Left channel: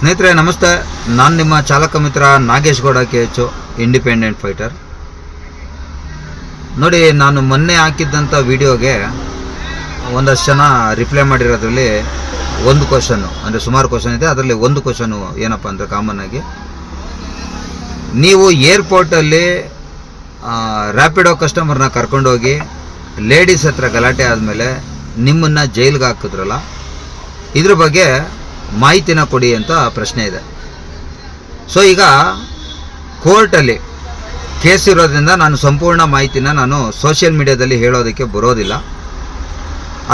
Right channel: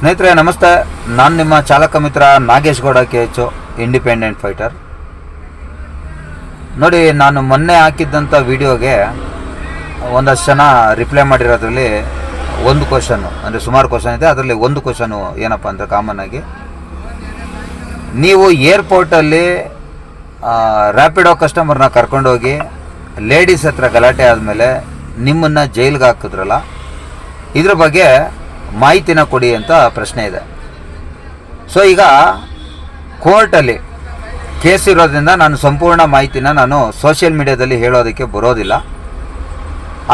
ಸ್ನೇಹಿತರೆ ನಮಸ್ತೆ, ನಾನು ನಿಮ್ಮ ಚಾಲಕ ಮಿತ್ರ Nagesh Gowda KH, independent fighter. ನೋಡಿ, ನಾನು ಮೊನ್ನೆ ಹಾಕಿದ್ದಂಥ ವಿಡಿಯೋಗೆ ಒಂದಷ್ಟು ಜನ ರಿಪ್ಲೈ ಮಾಡಿರೋದ್ರಲ್ಲಿ ಒಂದು ಕ್ವಶನ್ನು, ಅಂದರೆ ಸುಮಾರು ಕ್ವಶನ್ ಇದೆ, ಅದರಲ್ಲಿ ಒಂದು ಕ್ವಶನು ಏನಪ್ಪ ಅಂದರೆ ಕಾಮನ್ ಆಗಿ, ನೀವು ಏರ್ಪೋರ್ಟಲ್ಲಿ ರ್ಯಾಪಿಡೋ ಕಸ್ಟಮರ್ನ ಕರ್ಕೊಂಡೋಗಿ ಲೇಡೀಸ್ ಹತ್ರ ಗಲಾಟೆ ಆದಮೇಲೆ ನಿಮ್ಮನ್ನು ಜೈಲಿಗೆ ಹಾಕಿದ್ರಲ್ಲ, ಇದ್ರ ಬಗ್ಗೆ ಮಾಹಿತಿನ ಕೊಡಿ ಅಂತ ಪ್ರಶ್ನೆ ಇದೆ. ಸೊ ಈಗ ಕೋರ್ಟಲ್ಲಿ ಕೇಸ್ ಇರೋದ್ರಿಂದ ನಾನು ಸಂಪೂರ್ಣ ಮಾಹಿತಿನ ನಾನು ಸೋಷಿಯಲ್ ಮೀಡಿಯಾದಲ್ಲಿ ಹೇಳೋದಕ್ಕೆ ಬರೋದಿಲ್ಲ.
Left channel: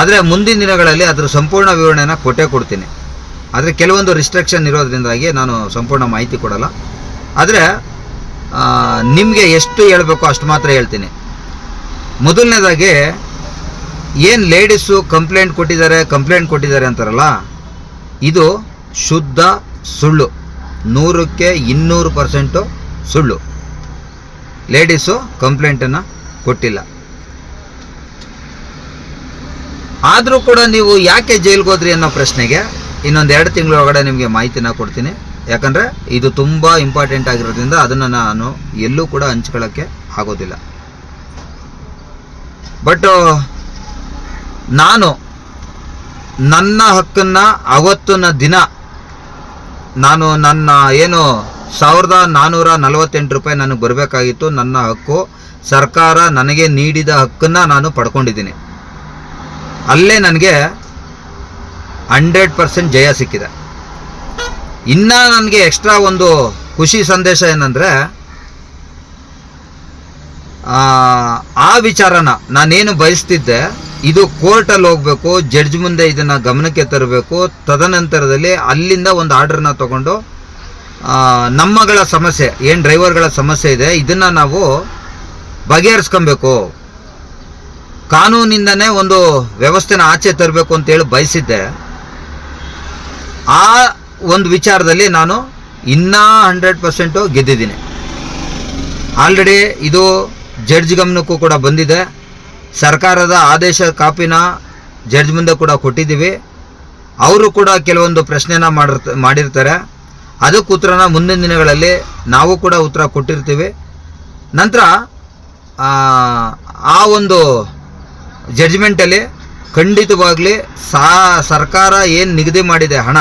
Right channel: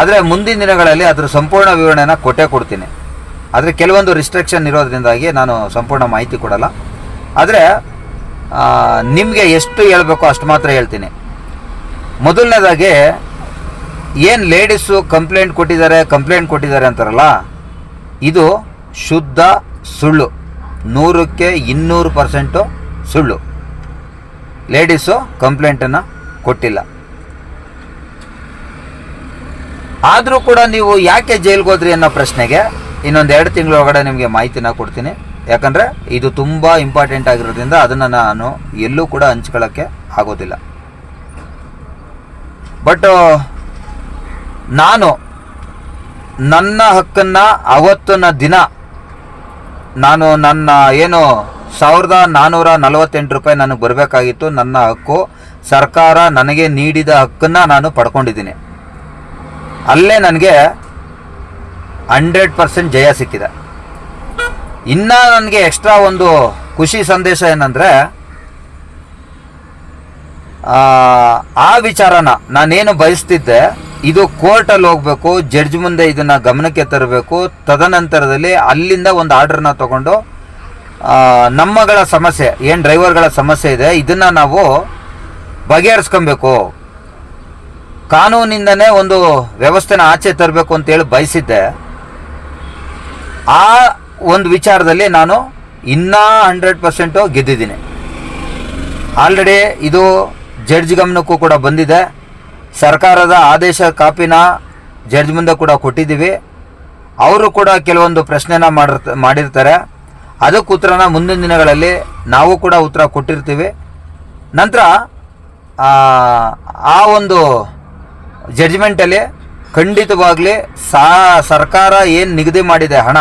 ಆದರೆ ಮುಂದಿನ ದಿನಗಳಲ್ಲಿ ಅದರ ಸಂಪೂರ್ಣ ವಿವರಣೆನ ಕೊಡ್ತೀನಿ. ಆದರೆ ಕೆಲವೊಂದು ರಿಸ್ಟ್ರಿಕ್ಷನ್ ಇರೋದ್ರಿಂದಾಗಿ ನಾನು ಸಂಪೂರ್ಣ ಮಾಹಿತಿ ಕೊಡಲ್ಲ. ಆದರೆ ನಿಮಗೆ ಎಷ್ಟು ಹೇಳಬೇಕೋ ಅಷ್ಟು ಮಾತ್ರ ಹೇಳ್ತೀನಿ. ಮೊದಲನೇದಾಗಿ ಏನು ಲೇಡೀಸು ಕಂಪ್ಲೇಂಟ್ ಕೊಟ್ಟಿದ್ದಾರೆ ಅಂತಾರಲ್ಲ, ಇದು ಶುದ್ಧ ಸುಳ್ಳು, 100ಕ್ಕೆ 200% ಸುಳ್ಳು. ಲೇಡೀಸು ಕಂಪ್ಲೇಂಟನ್ನು ಕೊಟ್ಟಿಲ್ಲ. ಆದರೂ ಕೂಡ ನೀವು ಯಾಕೆ ಜೈಲಿಗೆ ಹೋದ್ರಿ ಅನ್ನೋ ಪ್ರಶ್ನೆಗೆ ಇನ್ನೊಂದು 2 ತಿಂಗಳೊಳಗಡೆ ನಿಮಗೆ ಮಾಹಿತಿನ ಕೊಡ್ತೀನಿ. ಯಾಕಂದರೆ ಇದು ತುಂಬ ಇಂಪಾರ್ಟೆಂಟ್ ಆಗಿರೋದ್ರಿಂದ ಅದನ್ನು ನಾನು ಎಲ್ಲೂ ಕೂಡ ಹಂಚ್ಕೊಳ್ಳೋಕ್ಕೆ ಆಗೋದಿಲ್ಲ. ಬಟ್ ನಾನು ನನ್ನ ಹಕ್ಕನ್ನು ಅವತ್ತಿನ ದಿನ ನಾನು ನನ್ನ ಏನು 1448 ರೂಪಾಯಿ ನನಗೆ ಬರಬೇಕಾಗಿತ್ತು, ನನ್ನ ಹಕ್ಕು, ಸರ್ಕಾರ ನನಗೆ ನೀಡಿದ ಹಕ್ಕನ್ನು ನಾನು ಪಡ್ಕೊಂಡಿದ್ದೀನಿ. ಅಲ್ಲೇ ನನಗೆ 100% ಜಯ ಸಿಕ್ಕಿದೆ. ಇನ್ನು ನನಗೆ ಎಕ್ಸ್ಟ್ರಾ ಒಂದು ಖುಷಿ ಸಂದೇಶ ಏನಂದರೆ, ಆ ವಿಚಾರನ ನಾನೇನು ಬಯಸ್ತಿದ್ದೆ, ಇದು ಕೋರ್ಟಲ್ಲಿ ಹೋಗಬೇಕು, ಜಡ್ಜ್ ಮುಂದೆ ಇದನ್ನು ಗಮನಕ್ಕೆ ತರಬೇಕು. ತದನಂತರದಲ್ಲಿ ಅಲ್ಲಿಂದ ಒಂದು ಆರ್ಡ್ರನ್ನ ತೊಗೊಂಡು ನಮ್ಮಗಳ ಸಮಸ್ಯೆ ಏನು ಡ್ರೈವರ್ಗಳ ಸಮಸ್ಯೆ ಇದೆ, ಇದನ್ನು ನಾವು ಬಗೆಹರಿಸ್ಕೊಬೇಕು, ಕಾನೂನಿಂದನೇ ಒಂದು ವ್ಯವಸ್ಥೆನ ಆಚೆ ತರಬೇಕು ಅಂತೇಳಿ ಬಯಸಿದ್ದೆ. ಆ ಒಂದು ವಿಚಾರದಲ್ಲಿ ನಾನು ಇನ್ನೂ 100% ಗೆದ್ದಿದ್ದೀನಿ. ಆಲ್ರೆಡಿ ಇದು ಜಡ್ಜ್ ಗಮನಕ್ಕೂ ಕೂಡ ಬಂದಿದೆ. ಸರ್ಕಾರದ ಆದೇಶ ಕಾಪಿನ ಜಡ್ಜ್ ಮುಂದೆ ಕೂಡ ಕೊಟ್ಟಿದ್ದೀವಿ. ಅವರು ಕೂಡ ಕೆಲವೊಂದು ಪ್ರಶ್ನೆನ ಮಾಡಿರ್ತಾರೆ. ಅದಕ್ಕೆ ಉತ್ತರನ ಮುಂದಿನ ದಿನಗಳಲ್ಲಿ ನಾವು ಕೂಡ ಉತ್ತರ ಕೊಟ್ಟಿರ್ತೀವಿ. ನಂತರ ಆ ಒಂದು ಜಡ್ಜ್ಮೆಂಟಲ್ಲಿ ಖಂಡಿತವಾಗಲಿ ಸರ್ಕಾರ ಏನು ನಿಗದಿ ಮಾಡಿದೆ ಹಣ,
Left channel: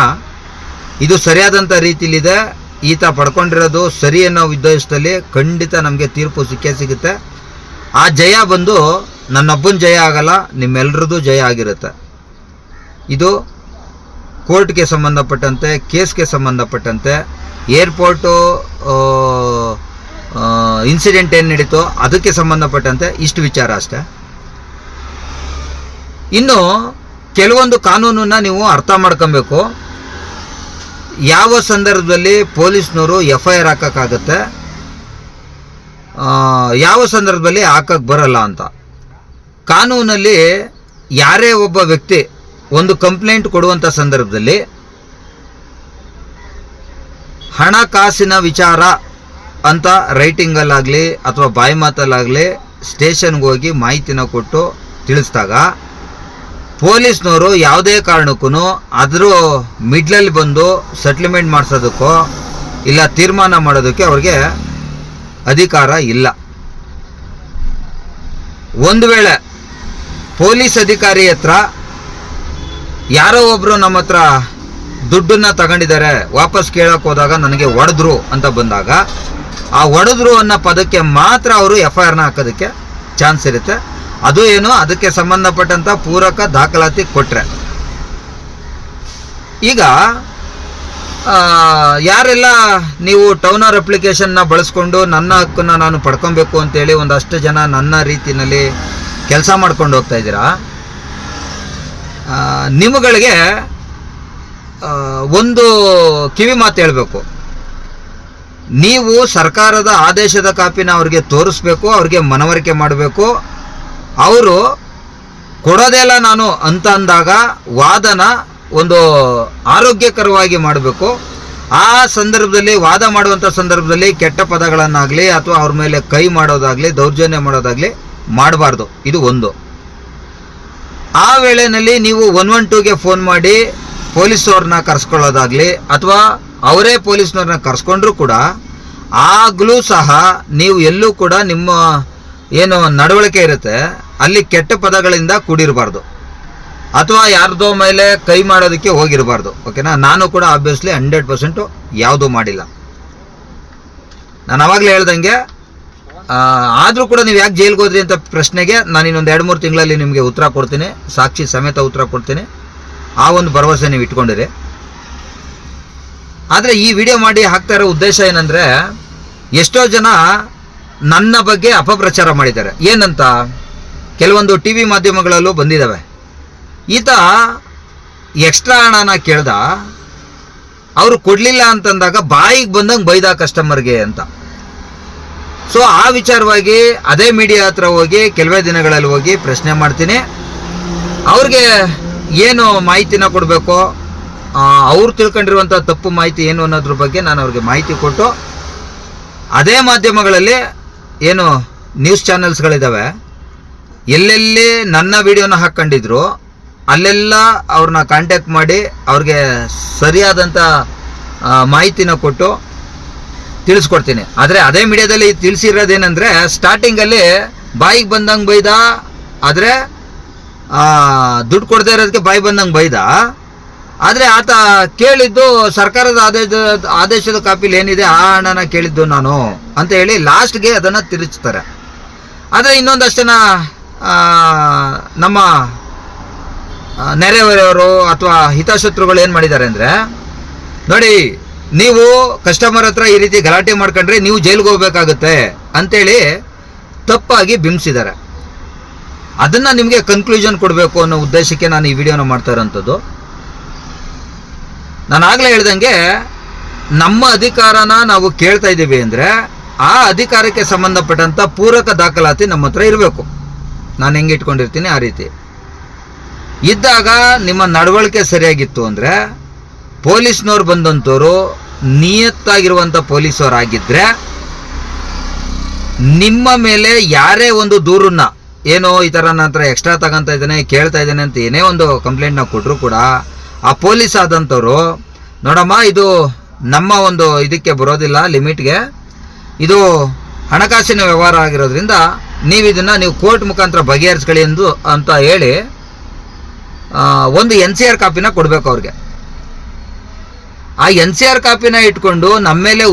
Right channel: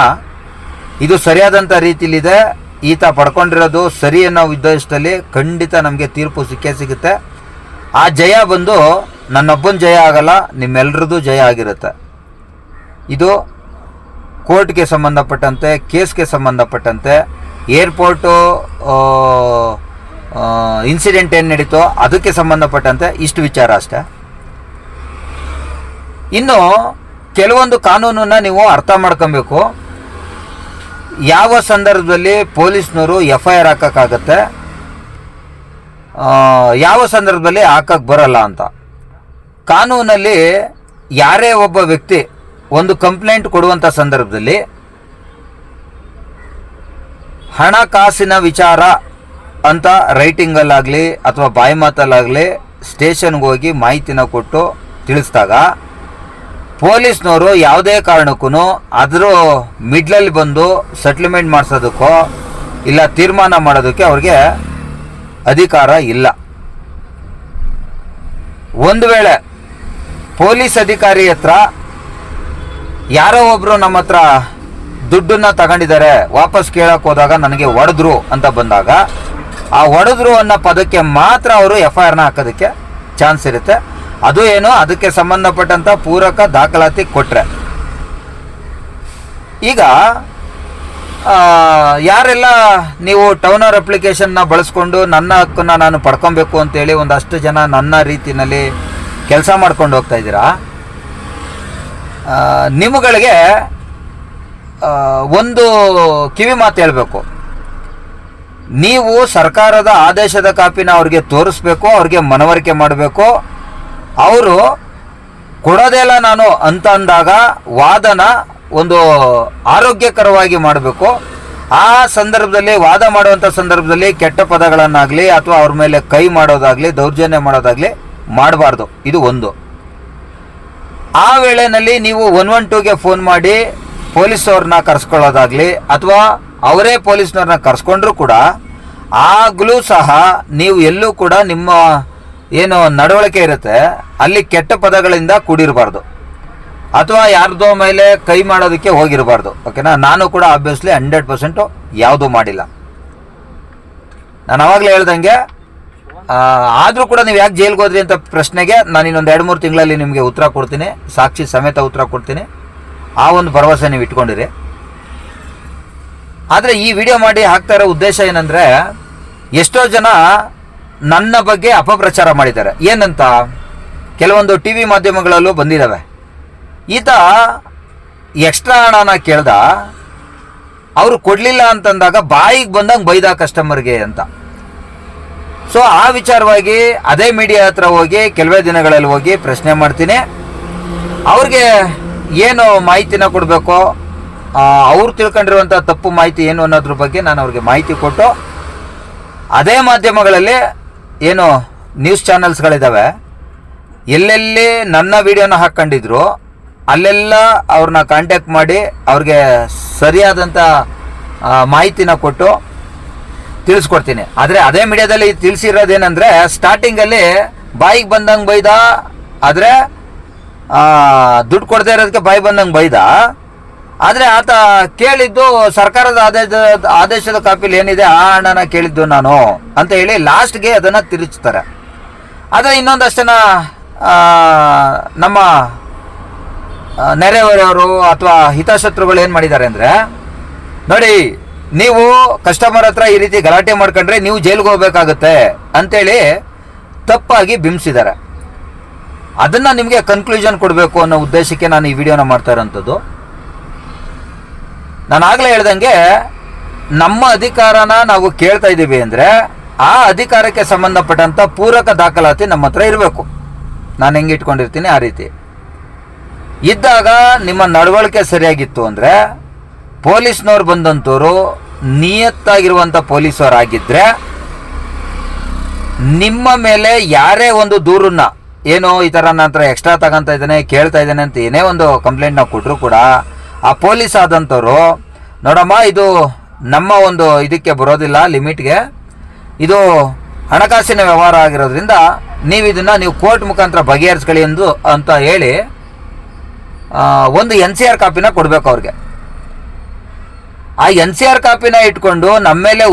ಇದು ಸರಿಯಾದಂಥ ರೀತಿಲಿದೆ, ಈತ ಪಡ್ಕೊಂಡಿರೋದು ಸರಿ ಅನ್ನೋ ಉದ್ದೇಶದಲ್ಲಿ ಖಂಡಿತ ನಮಗೆ ತೀರ್ಪು ಸಿಗುತ್ತೆ. ಆ ಜಯ ಬಂದು ನನ್ನೊಬ್ಬನ ಜಯ ಆಗಲ್ಲ, ನಿಮ್ಮೆಲ್ಲರದ್ದು ಜಯ ಆಗಿರುತ್ತೆ. ಇದು ಕೋರ್ಟ್ಗೆ ಸಂಬಂಧಪಟ್ಟಂತೆ, ಕೇಸ್ಗೆ ಸಂಬಂಧಪಟ್ಟಂತೆ, ಏರ್ಪೋರ್ಟು ಇನ್ಸಿಡೆಂಟ್ ಏನು ನಡೀತೋ ಅದಕ್ಕೆ ಸಂಬಂಧಪಟ್ಟಂತೆ ಇಷ್ಟು ವಿಚಾರ ಅಷ್ಟೇ. ಇನ್ನು ಕೆಲವೊಂದು ಕಾನೂನನ್ನು ನೀವು ಅರ್ಥ ಮಾಡ್ಕೊಬೇಕು. ಯಾವ ಸಂದರ್ಭದಲ್ಲಿ ಪೊಲೀಸ್ನವರು FIR ಹಾಕೋಕ್ಕಾಗತ್ತೆ, ಯಾವ ಸಂದರ್ಭದಲ್ಲಿ ಹಾಕಕ್ಕೆ ಬರಲ್ಲ ಅಂತ. ಕಾನೂನಲ್ಲಿ ಯಾರೇ ಒಬ್ಬ ವ್ಯಕ್ತಿ ಒಂದು ಕಂಪ್ಲೇಂಟ್ ಕೊಡುವಂಥ ಸಂದರ್ಭದಲ್ಲಿ ಹಣಕಾಸಿನ ವಿಚಾರ ಅಂತ ರೈಟಿಂಗಲ್ಲಾಗಲಿ ಅಥವಾ ಬಾಯಿ ಮಾತಲ್ಲಾಗಲಿ ಸ್ಟೇಷನ್ಗೆ ಹೋಗಿ ಮಾಹಿತಿನ ಕೊಟ್ಟು ತಿಳಿಸಿದಾಗ ಪೊಲೀಸ್ನವರು ಯಾವುದೇ ಕಾರಣಕ್ಕೂ ಅದರ ಮಿಡ್ಲಲ್ಲಿ ಬಂದು ಸೆಟ್ಲ್ಮೆಂಟ್ ಮಾಡಿಸೋದಕ್ಕೋ ಇಲ್ಲ ತೀರ್ಮಾನ ಮಾಡೋದಕ್ಕೆ ಅವ್ರಿಗೆ ಅಧಿಕಾರ ಇಲ್ಲ. ಒಂದು ವೇಳೆ ಪೊಲೀಸ್ ಅಧಿಕಾರಿ ಹತ್ರ ಯಾರೋ ಒಬ್ಬರು ನಮ್ಮ ಹತ್ರ ದುಡ್ಡನ್ನು ತಗೊಂಡಿದ್ದಾರೆ, ವಾಪಸ್ ಕೇಳೋಕೆ ಹೋದಾಗ ನನಗೆ ಹೊಡೆದ್ರು ಅಂತ ಬಂದಾಗ ಆ ಹೊಡೆದ್ರು ಅನ್ನೋ ಪದಕ್ಕೆ ಮಾತ್ರ ಅವರು FIRನ ಹಾಕೋದಕ್ಕೆ ಚಾನ್ಸ್ ಇರುತ್ತೆ. ಅದು ಏನು, ಅದಕ್ಕೆ ಸಂಬಂಧಪಟ್ಟಂಥ ಪೂರಕ ದಾಖಲಾತಿ ಕೊಟ್ಟರೆ. ಈಗ ಯಾರೆಲ್ಲ ನೀವು ಟೌನರ್ ಅಪ್ಲಿಕೇಶನ್ನ ಬಳಸ್ಕೊಂಡು ನನ್ನ ಹಕ್ಕನ್ನು ನಾನು ಪಡ್ಕೊಬೇಕು ಅಂತೇಳಿ ಒಂದಷ್ಟು ಜನ ನನ್ನ ರೀತಿಯಲ್ಲಿ ಕೆಲಸ ಮಾಡ್ಕೊಂಡು ಹೋಗ್ತಾ ಇದ್ದೀರಾ, ನಿಮ್ಮಗಳಿಗೆ ಒಂದು ಕಿವಿ ಮಾತು ಹೇಳಬೇಕು. ನೀವು ಸರ್ಕಾರದ ಆದೇಶದ ಕಾಪಿನ ಅವ್ರಿಗೆ ತೋರಿಸ್ಬೇಕು, ಅವ್ರಿಗೆ ಮನವರಿಕೆ ಮಾಡಬೇಕು. ಅವರು ಕೊಡೋದೆಲ್ಲ ನಾನು ಅಂತ ಅಂದಾಗ ವಾದನ ಒಂದು ಆರೋಗ್ಯಕರವಾಗಿ ಮಾಡಬೇಕು. ಆ ಸಂದರ್ಭದಲ್ಲಿ ವಾದ ಮಾಡುವಂಥ ಸಂದರ್ಭದಲ್ಲಿ ಕೆಟ್ಟ ಪದಗಳನ್ನಾಗಲಿ ಅಥವಾ ಅವ್ರ ಮೇಲೆ ಕೈ ಮಾಡೋದಾಗಲಿ ದೌರ್ಜನ್ಯ ಮಾಡೋದಾಗಲಿ ಮಾಡಬಾರ್ದು. ಇದು ಒಂದು. ಆ ವೇಳೆಯಲ್ಲಿ ನೀವು 112ಗೆ ಫೋನ್ ಮಾಡಿ ಪೊಲೀಸ್ ಅವ್ರನ್ನ ಕರೆಸ್ಕೊಳ್ಳೋದಾಗಲಿ ಅಥವಾ ಅವರೇ ಪೊಲೀಸ್ನವ್ರನ್ನ ಕರ್ಸ್ಕೊಂಡ್ರೂ ಕೂಡ ಆಗಲೂ ಸಹ ನೀವು ಎಲ್ಲೂ ಕೂಡ ನಿಮ್ಮ ಏನು ನಡವಳಿಕೆ ಇರುತ್ತೆ ಅಲ್ಲಿ ಕೆಟ್ಟ ಪದಗಳಿಂದ ಕೂಡಿರಬಾರ್ದು, ಅಥವಾ ಯಾರ್ದೋ ಮೇಲೆ ಕೈ ಮಾಡೋದಕ್ಕೆ ಹೋಗಿರಬಾರ್ದು. ಓಕೆನಾ? ನಾನು ಕೂಡ ಆಬ್ವಿಯಸ್ಲಿ 100% ಯಾವುದೂ ಮಾಡಿಲ್ಲ. ನಾನು ಆವಾಗಲೇ ಹೇಳ್ದಂಗೆ, ಆದರೂ ಕೂಡ ನೀವು ಯಾಕೆ ಜೈಲ್ಗೆ ಹೋದ್ರಿ ಅಂತ ಪ್ರಶ್ನೆಗೆ ನಾನು ಇನ್ನೊಂದು 2-3 ತಿಂಗಳಲ್ಲಿ ನಿಮಗೆ ಉತ್ತರ ಕೊಡ್ತೀನಿ, ಸಾಕ್ಷಿ ಸಮೇತ ಉತ್ತರ ಕೊಡ್ತೀನಿ. ಆ ಒಂದು ಭರವಸೆ ನೀವು ಇಟ್ಕೊಂಡಿರಿ. ಆದರೆ ಈ ವಿಡಿಯೋ ಮಾಡಿ ಹಾಕ್ತಾ ಇರೋ ಉದ್ದೇಶ ಏನಂದರೆ, ಎಷ್ಟೋ ಜನ ನನ್ನ ಬಗ್ಗೆ ಅಪಪ್ರಚಾರ ಮಾಡಿದ್ದಾರೆ. ಏನಂತ ಕೆಲವೊಂದು ಟಿ ವಿ ಮಾಧ್ಯಮಗಳಲ್ಲೂ ಬಂದಿದ್ದಾವೆ. ಈತ ಎಕ್ಸ್ಟ್ರಾ ಹಣನ ಕೇಳ್ದ, ಅವರು ಕೊಡಲಿಲ್ಲ ಅಂತಂದಾಗ ಬಾಯಿಗೆ ಬಂದಂಗೆ ಬೈದ ಕಸ್ಟಮರ್ಗೆ ಅಂತ. ಸೊ ಆ ವಿಚಾರವಾಗಿ ಅದೇ ಮೀಡಿಯಾ ಹತ್ರ ಹೋಗಿ ಕೆಲವೇ ದಿನಗಳಲ್ಲಿ ಹೋಗಿ ಪ್ರಶ್ನೆ ಮಾಡ್ತೀನಿ. ಅವ್ರಿಗೆ ಏನು ಮಾಹಿತಿನ ಕೊಡಬೇಕೋ, ಅವ್ರು ತಿಳ್ಕೊಂಡಿರುವಂಥ ತಪ್ಪು ಮಾಹಿತಿ ಏನು ಅನ್ನೋದ್ರ ಬಗ್ಗೆ ನಾನು ಅವ್ರಿಗೆ ಮಾಹಿತಿ ಕೊಟ್ಟು, ಅದೇ ಮಾಧ್ಯಮಗಳಲ್ಲಿ ಏನು ನ್ಯೂಸ್ ಚಾನೆಲ್ಸ್ಗಳಿದ್ದಾವೆ, ಎಲ್ಲೆಲ್ಲಿ ನನ್ನ ವಿಡಿಯೋನ ಹಾಕ್ಕೊಂಡಿದ್ರು ಅಲ್ಲೆಲ್ಲ ಅವ್ರನ್ನ ಕಾಂಟ್ಯಾಕ್ಟ್ ಮಾಡಿ ಅವ್ರಿಗೆ ಸರಿಯಾದಂಥ ಮಾಹಿತಿನ ಕೊಟ್ಟು ತಿಳಿಸ್ಕೊಡ್ತೀನಿ. ಆದರೆ ಅದೇ ಮೀಡಿಯಾದಲ್ಲಿ ತಿಳಿಸಿರೋದೇನೆಂದರೆ, ಸ್ಟಾರ್ಟಿಂಗಲ್ಲಿ ಬಾಯಿಗೆ ಬಂದಂಗೆ ಬೈದ, ಆದರೆ ದುಡ್ಡು ಕೊಡದೇ ಇರೋದಕ್ಕೆ ಬಾಯಿ ಬಂದಂಗೆ ಬೈದ. ಆದರೆ ಆತ ಕೇಳಿದ್ದು ಸರ್ಕಾರದ ಆದೇಶದ ಕಾಪಿಲಿ ಏನಿದೆ ಆ ಹಣನ ಕೇಳಿದ್ದು ನಾನು ಅಂತ ಹೇಳಿ ಲಾಸ್ಟ್ಗೆ ಅದನ್ನು ತಿರುಚ್ತಾರೆ. ಆದರೆ ಇನ್ನೊಂದಷ್ಟು ಜನ ನಮ್ಮ ನೆರೆಹೊರೆಯವರು ಅಥವಾ ಹಿತಶತ್ರುಗಳು ಏನು ಮಾಡಿದ್ದಾರೆ ಅಂದರೆ, ನೋಡಿ ನೀವು ಕಸ್ಟಮರ್ ಹತ್ರ ಈ ರೀತಿ ಗಲಾಟೆ ಮಾಡ್ಕೊಂಡ್ರೆ ನೀವು ಜೈಲಿಗೆ ಹೋಗ್ಬೇಕಾಗುತ್ತೆ ಅಂತೇಳಿ ತಪ್ಪಾಗಿ ಬಿಂಬಿಸಿದ್ದಾರೆ. ಅದನ್ನು ನಿಮಗೆ ಕನ್ಕ್ಲೂಷನ್ ಕೊಡಬೇಕು ಅನ್ನೋ ಉದ್ದೇಶಕ್ಕೆ ನಾನು ಈ ವಿಡಿಯೋನ ಮಾಡ್ತಾ ಇರೋಂಥದ್ದು. ನಾನು ಆಗಲೇ ಹೇಳ್ದಂಗೆ, ನಮ್ಮ ಅಧಿಕಾರನ ನಾವು ಕೇಳ್ತಾ ಇದ್ದೀವಿ ಅಂದರೆ ಆ ಅಧಿಕಾರಕ್ಕೆ ಸಂಬಂಧಪಟ್ಟಂಥ ಪೂರಕ ದಾಖಲಾತಿ ನಮ್ಮ ಹತ್ರ ಇರಬೇಕು. ನಾನು ಹೆಂಗೆ ಇಟ್ಕೊಂಡಿರ್ತೀನಿ ಆ ರೀತಿ ಇದ್ದಾಗ ನಿಮ್ಮ ನಡವಳಿಕೆ ಸರಿಯಾಗಿತ್ತು ಅಂದರೆ, ಪೊಲೀಸ್ನವ್ರು ಬಂದಂಥವ್ರು ನಿಯತ್ತಾಗಿರುವಂಥ ಪೊಲೀಸವರಾಗಿದ್ದರೆ ನಿಮ್ಮ ಮೇಲೆ ಯಾರೇ ಒಂದು ದೂರನ್ನ, ಏನೋ ಈ ಥರ ನನ್ನ ಹತ್ರ ಎಕ್ಸ್ಟ್ರಾ ತಗೊಂತ ಇದ್ದಾನೆ, ಕೇಳ್ತಾ ಇದ್ದಾನೆ ಅಂತ ಏನೇ ಒಂದು ಕಂಪ್ಲೇಂಟ್ನ ಕೊಟ್ಟರು ಕೂಡ ಆ ಪೊಲೀಸ್ ಆದಂಥವ್ರು, ನೋಡಮ್ಮ ಇದು ನಮ್ಮ ಒಂದು ಇದಕ್ಕೆ ಬರೋದಿಲ್ಲ, ಲಿಮಿಟ್ಗೆ, ಇದು ಹಣಕಾಸಿನ ವ್ಯವಹಾರ ಆಗಿರೋದ್ರಿಂದ ನೀವು ಕೋರ್ಟ್ ಮುಖಾಂತರ ಬಗೆಹರಿಸ್ಕೊಳ್ಳಿ ಅಂತ ಹೇಳಿ ಒಂದು NCR ಕಾಪಿನ ಕೊಡಬೇಕು ಅವ್ರಿಗೆ. ಆ NCR ಕಾಪಿನ ಇಟ್ಕೊಂಡು ನಮ್ಮ ಮೇಲೆ